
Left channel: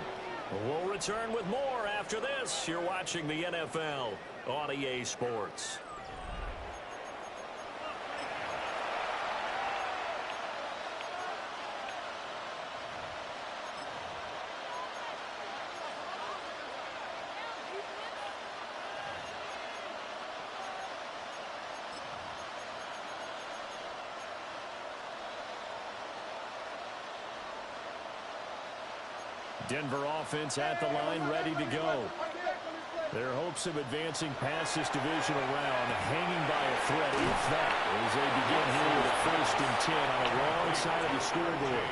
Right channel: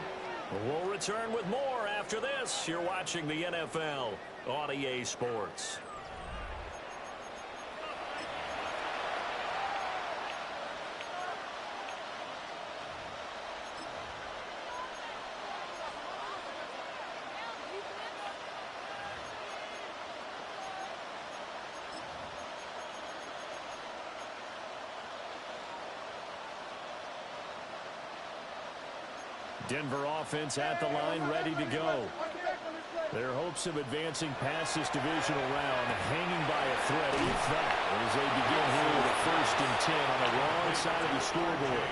We'll return with more after this. You're watching the NFL on EA Sports. Denver offense at the line, ready to go. Their hopes of advancing past this divisional round hanging by a thread, if that, as they begin here with a 1st and 10 on the wrong side of the scoreboard.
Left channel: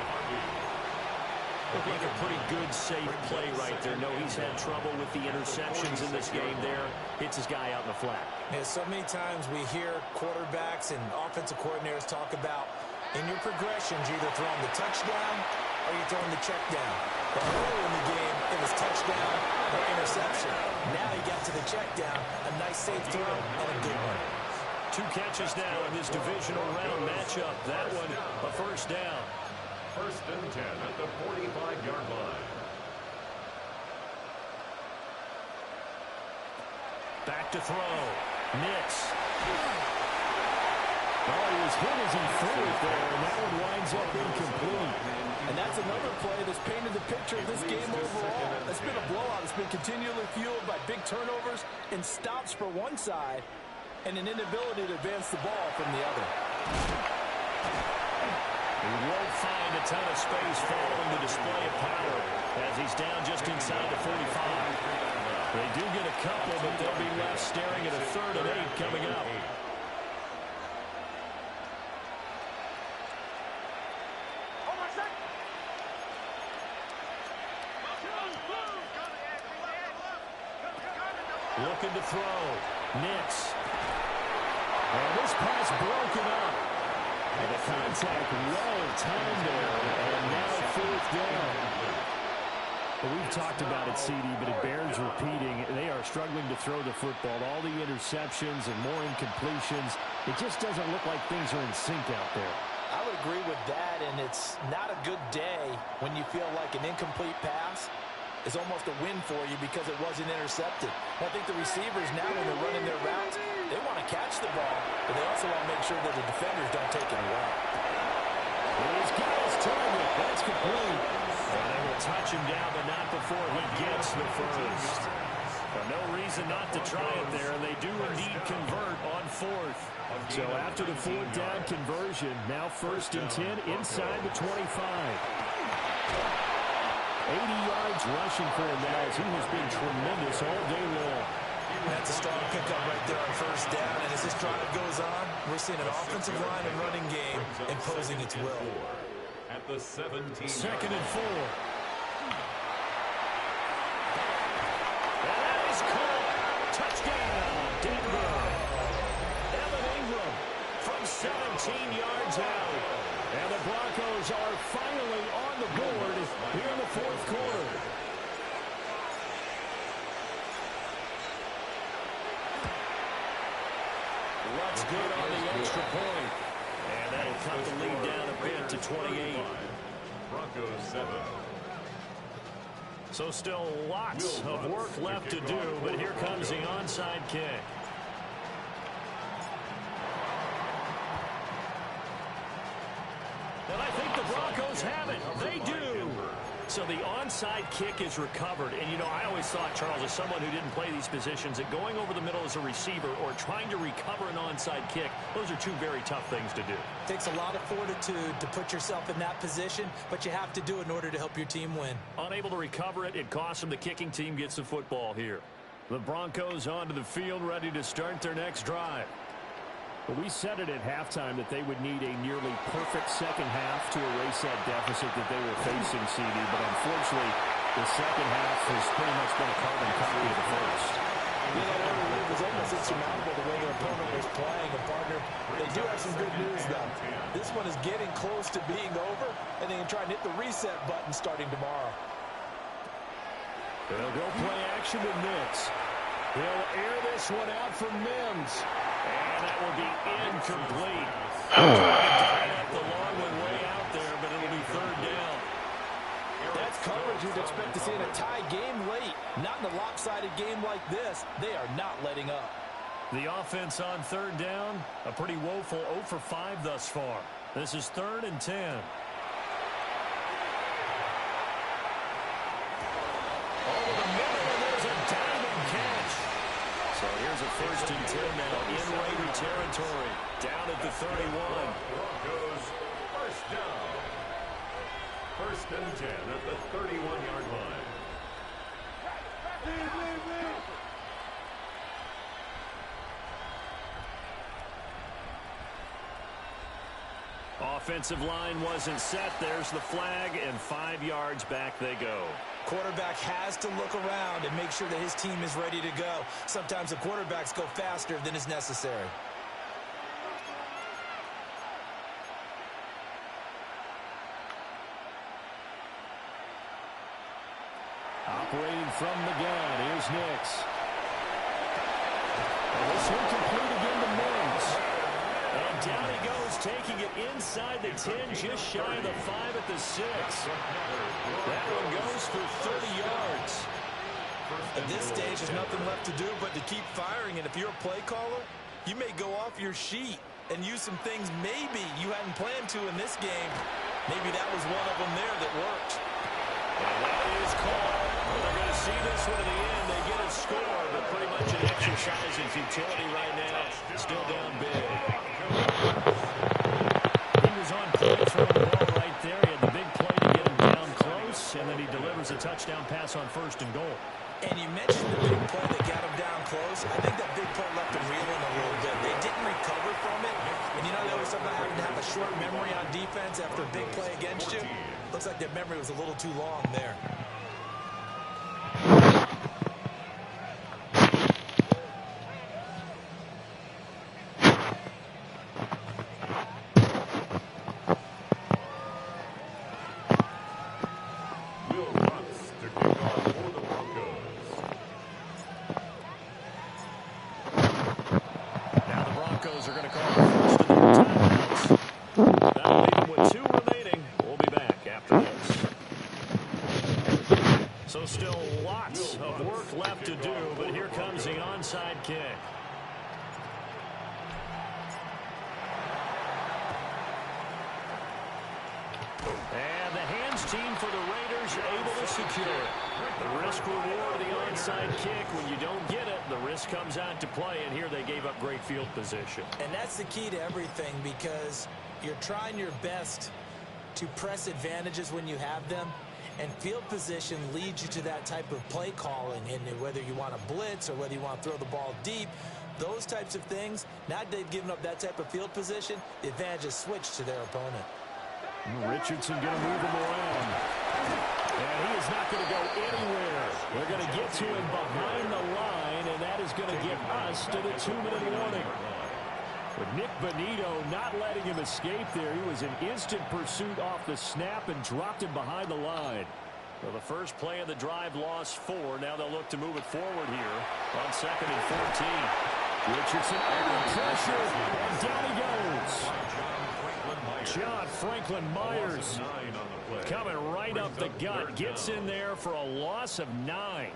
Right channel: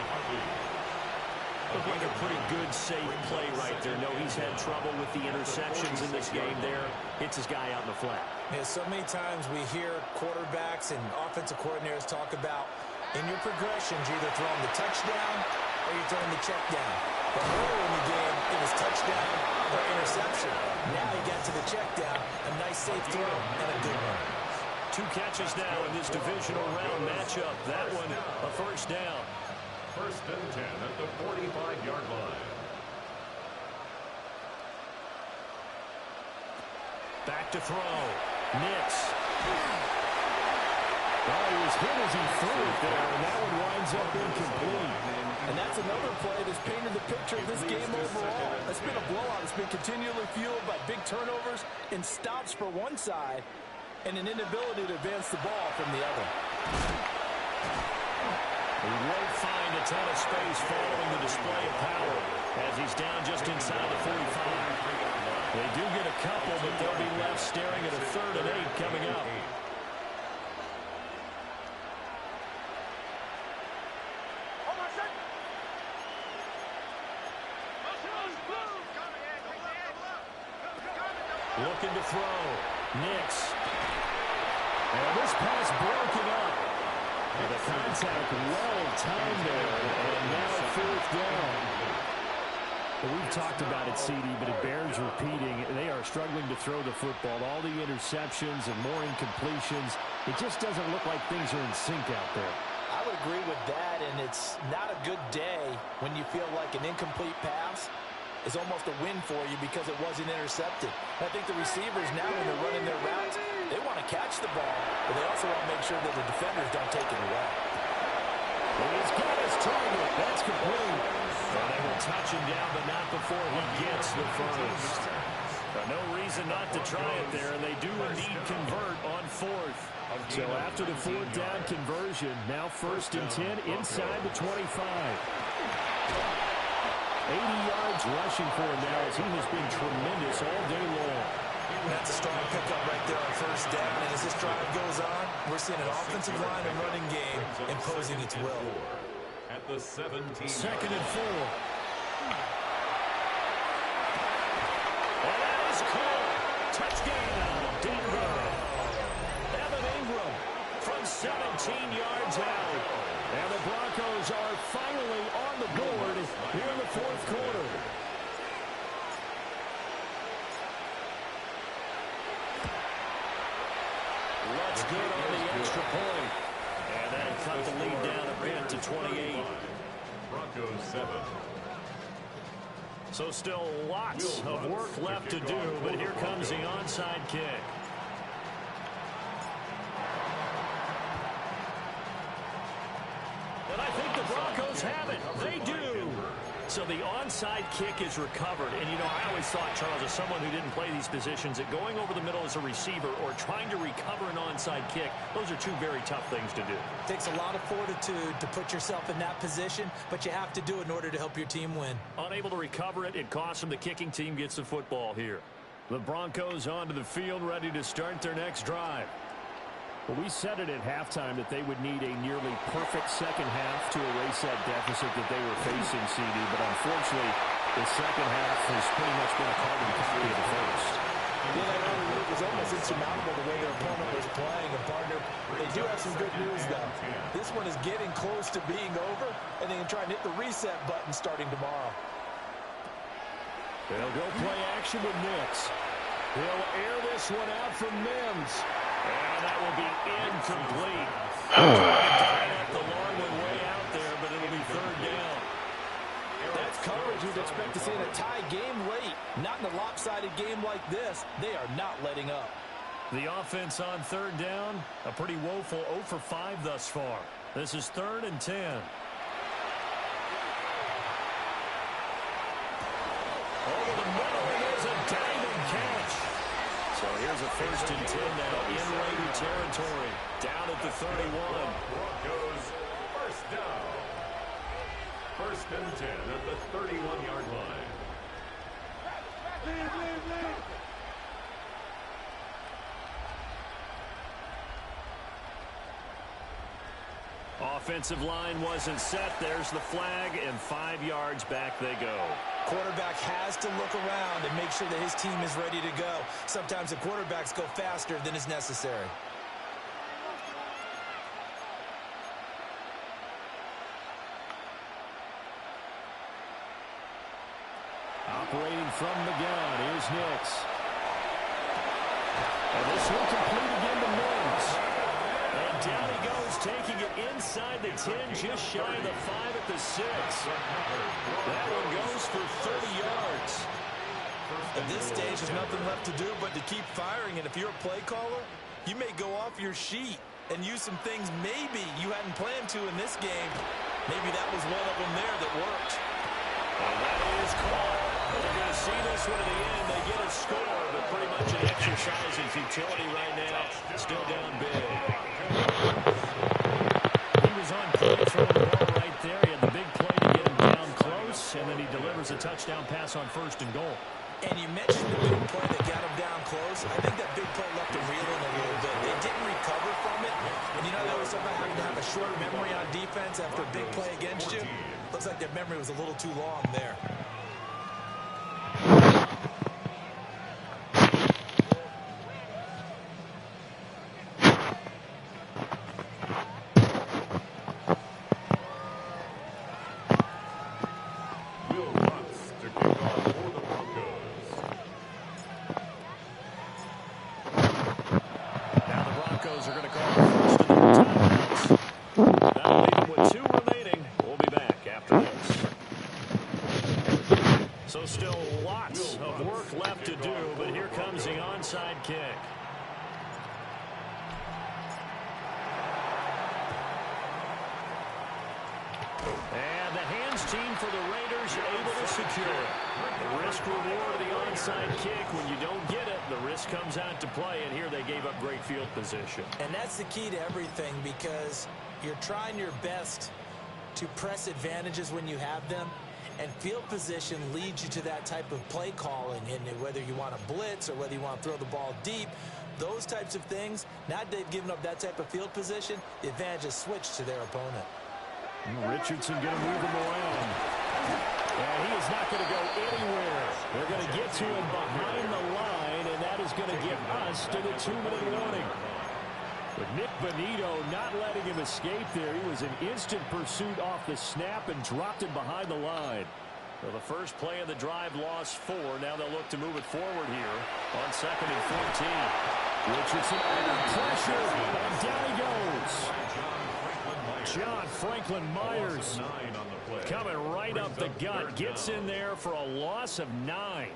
Looked like a pretty good, safe play right there. No, he's had trouble with the interceptions in this game there. Hits his guy out in the flat. Yeah, so many times we hear quarterbacks and offensive coordinators talk about in your progressions, you're either throwing the touchdown or you're throwing the check down. But earlier in the game, it was touchdown or interception. Now he got to the check down, a nice safe throw, and a good one. 2 catches now in this divisional round matchup. That one, a 1st down. 1st and 10 at the 45-yard line. Back to throw. Nix. Oh, he was hit as he threw it there, and that one winds up incomplete. And that's another play that's painted the picture of this game overall. It's been a blowout. It's been continually fueled by big turnovers and stops for one side and an inability to advance the ball from the other. He won't find a ton of space following the display of power as he's down just inside the 45. They do get a couple, but they'll be left staring at a 3rd and 8 coming up. Looking to throw. Nix. And this pass broken up. And the contact well timed there. And now 4th down. Well, we've talked about it, CD, but it bears repeating. They are struggling to throw the football. All the interceptions and more incompletions. It just doesn't look like things are in sync out there. I would agree with that, and it's not a good day when you feel like an incomplete pass is almost a win for you because it wasn't intercepted. I think the receivers now, when they're running their routes, they want to catch the ball, but they also want to make sure that the defenders don't take it away. He's got his target. That's complete. And they will touch him down, but not before he gets the first. No reason not to try it there, and they do indeed convert on 4th. So after the 4th down conversion, now 1st and 10 inside the 25. 80 yards rushing for him now as he has been tremendous all day long. That's a strong pickup right there on 1st down, and as this drive goes on, we're seeing an offensive line and running game imposing its will. At the 17. 2nd and 4. And that is caught. Touchdown, Denver. Evan Ingram from 17 yards out. And the Broncos are finally on the board here in the 4th quarter. What's good on the extra point. And that'll cut the lead down a bit to 28. Broncos 7. So still lots of work left to do, but here comes the onside kick. And I think the Broncos have it. They do. So the onside kick is recovered. And, you know, I always thought, Charles, as someone who didn't play these positions, that going over the middle as a receiver or trying to recover an onside kick, those are two very tough things to do. Takes a lot of fortitude to put yourself in that position, but you have to do it in order to help your team win. Unable to recover it, it costs them. The kicking team gets the football here. The Broncos onto the field, ready to start their next drive. Well, we said it at halftime that they would need a nearly perfect second half to erase that deficit that they were facing, CD. But unfortunately, the second half has pretty much been a carbon copy of the first. Yeah, that early lead was almost insurmountable the way their opponent was playing. And, partner, they do have some good news, though. This one is getting close to being over, and they can try and hit the reset button starting tomorrow. They'll go play action with Nix. He'll air this one out from Mims. And that will be incomplete. The long one way out there, but it'll be 3rd down. That's coverage you'd expect to see in a tie game late. Not in a lopsided game like this. They are not letting up. The offense on 3rd down, a pretty woeful 0 for 5 thus far. This is 3rd and 10. Over the middle, and there's a diving catch. So here's a 1st and 10 now in Raider territory. Down at the 31. Broncos 1st down. 1st and 10 at the 31-yard line. Offensive line wasn't set. There's the flag, and 5 yards back they go. Quarterback has to look around and make sure that his team is ready to go. Sometimes the quarterbacks go faster than is necessary. Operating from the gun, here's Nix. And this one complete again to Mims. And down he goes, taking it inside the 10, just shy of the 5 at the 6. That one goes for 30 yards. At this stage, there's nothing left to do but to keep firing. And if you're a play caller, you may go off your sheet and use some things maybe you hadn't planned to in this game. Maybe that was one of them there that worked. And that is caught. Well, they're going to see this one at the end. They get a score, but pretty much an exercise in futility right now. Still down big. He was on point throwing the ball right there. He had the big play to get him down close, and then he delivers a touchdown pass on 1st and goal. And you mentioned the big play that got him down close. I think that big play left him reeling a little bit. They didn't recover from it. And you know, they always talk about having to have a short memory on defense after a big play against you. Looks like their memory was a little too long there. Are going to call the first of their timeouts. That'll leave them with 2 remaining. We'll be back after this. So still lots of work left to do, but here comes the onside kick. And the hands team for the Raiders able to secure it. The risk reward of the onside kick. When you don't get it, the risk comes out to play, and here they gave up great field position. And that's the key to everything, because you're trying your best to press advantages when you have them, and field position leads you to that type of play calling. And whether you want to blitz or whether you want to throw the ball deep, those types of things, now that they've given up that type of field position, the advantage is switched to their opponent. Richardson going to move him around. And he is not going to go anywhere. They're going to get to him behind the line, and that is going to get us to the 2-minute warning. But Nick Bonito not letting him escape there. He was in instant pursuit off the snap and dropped him behind the line. So the first play of the drive lost 4. Now they'll look to move it forward here on 2nd and 14. Richardson under pressure, and down he goes. John Franklin Myers coming right up the gut. Gets in there for a loss of 9.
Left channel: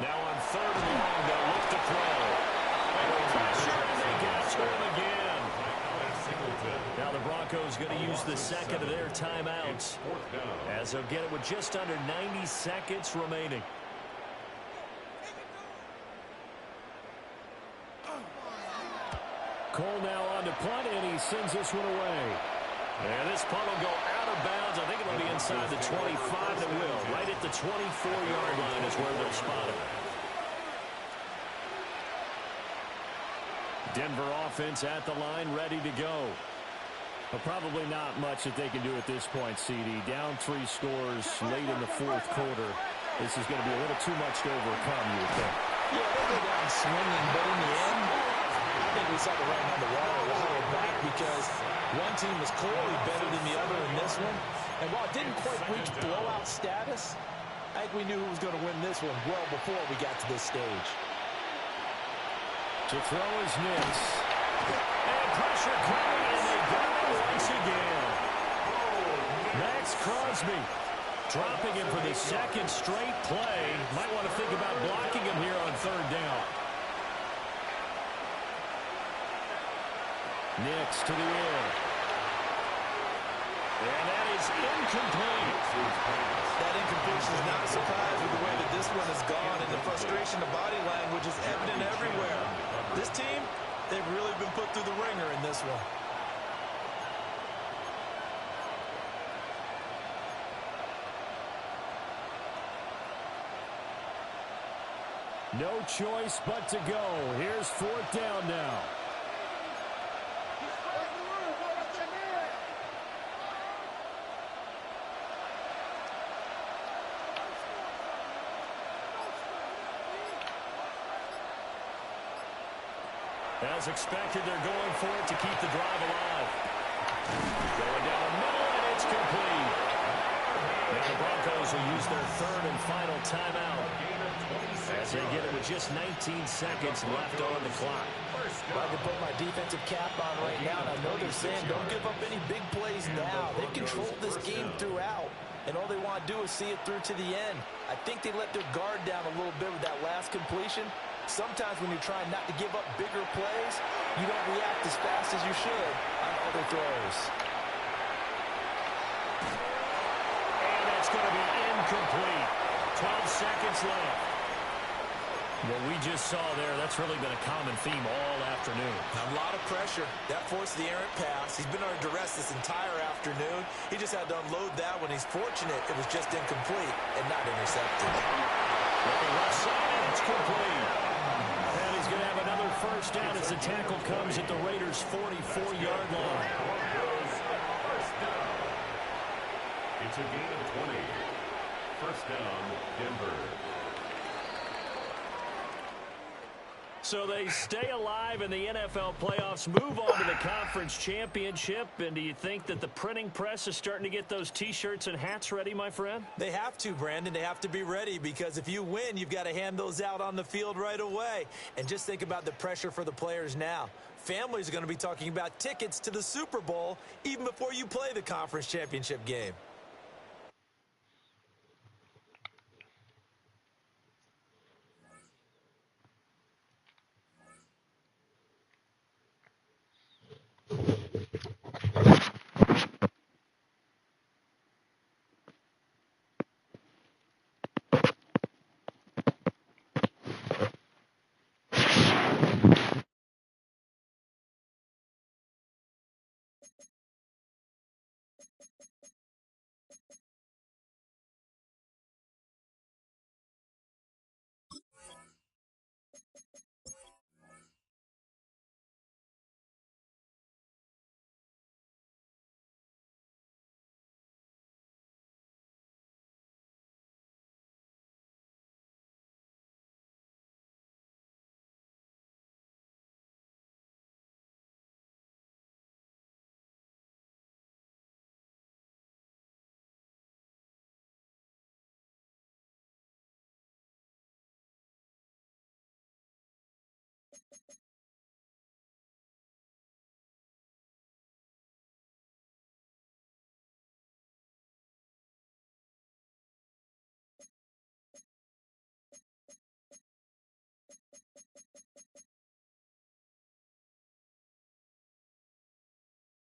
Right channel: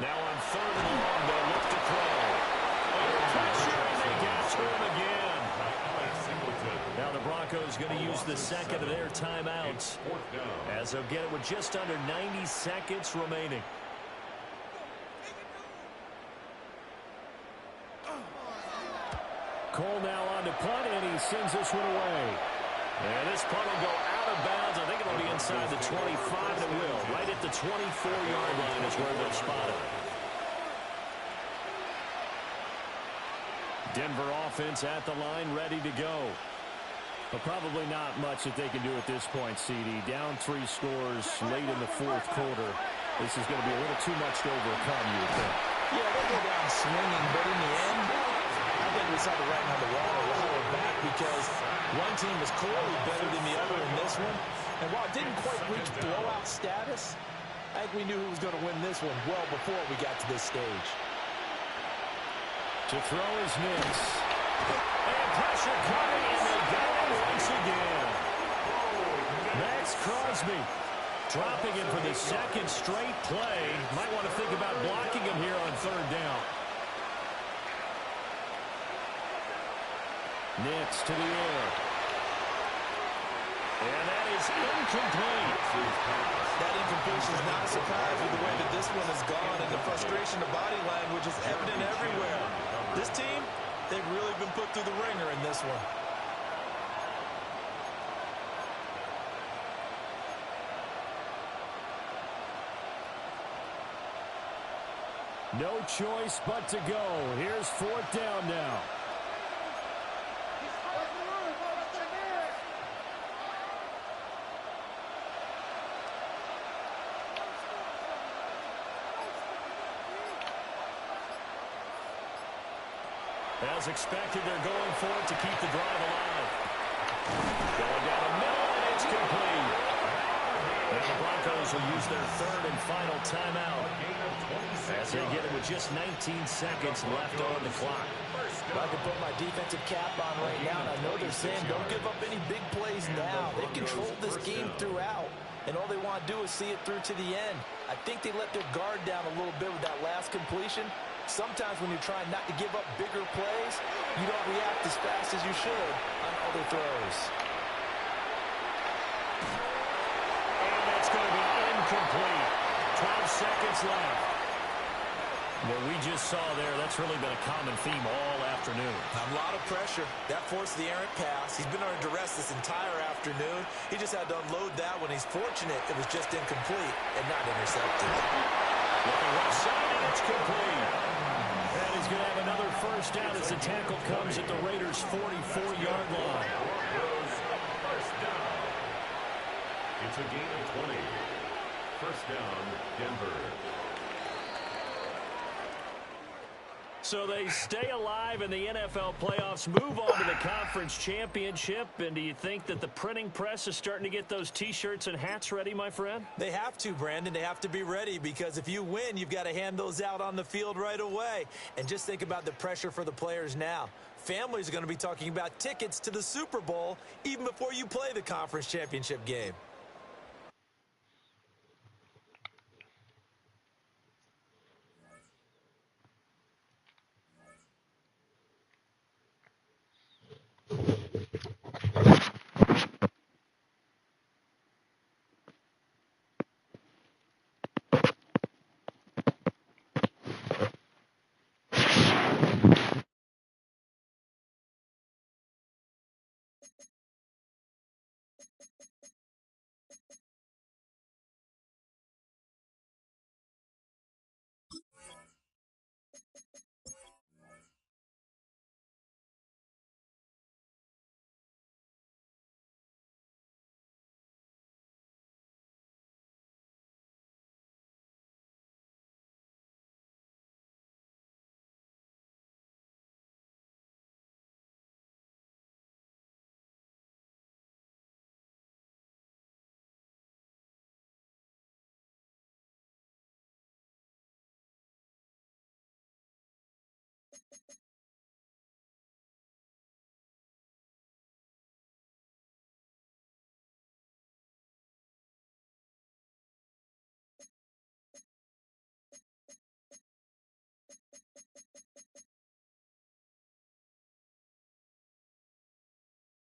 Now on 3rd and long, they'll look to throw. Under pressure, and they got to him again. Now the Broncos going to use the 2nd of their timeouts, as they'll get it with just under 90 seconds remaining. Cole now on to punt, and he sends this one away. And this punt will go out of bounds. I think it'll be inside the 25. It will. Right at the 24-yard line is where they'll spot it. Denver offense at the line, ready to go. But probably not much that they can do at this point, CD. Down 3 scores late in the 4th quarter. This is going to be a little too much to overcome, you would think. Yeah, they go down swinging, but in the end, I think we saw the writing on the wall a while back, because one team was clearly better than the other in this one. And while it didn't quite reach blowout status, I think we knew who was going to win this one well before we got to this stage. To throw is Nix. And pressure coming, and they got him once again. Max Crosby dropping him for the 2nd straight play. Might want to think about blocking him here on 3rd down. Nix to the air. And that is incomplete. That incompletion is not a surprise with the way that this one has gone, and the frustration, the body language is evident everywhere. This team, they've really been put through the ringer in this one. No choice but to go. Here's 4th down now. As expected, they're going for it to keep the drive alive. Going down the middle, and it's complete. Now the Broncos will use their 3rd and final timeout, as they get it with just 19 seconds left on the clock. Well, I can put my defensive cap on right now, and I know they're saying, don't give up any big plays now. They've controlled this game throughout, and all they want to do is see it through to the end. I think they let their guard down a little bit with that last completion. Sometimes when you're trying not to give up bigger plays, you don't react as fast as you should on other throws. And that's going to be incomplete. 12 seconds left. What we just saw there, that's really been a common theme all afternoon. A lot of pressure. That forced the errant pass. He's been under duress this entire afternoon. He just had to unload that one. He's fortunate it was just incomplete and not intercepted. Looking left side, and it's complete. And he's going to have another first down as the tackle comes at the Raiders' 44-yard line. First down. It's a gain of 20. First down, Denver. So they stay alive in the NFL playoffs, move on to the conference championship. And do you think that the printing press is starting to get those T-shirts and hats ready, my friend? They have to, Brandon. They have to be ready because if you win, you've got to hand those out on the field right away. And just think about the pressure for the players now. Families are going to be talking about tickets to the Super Bowl even before you play the conference championship game.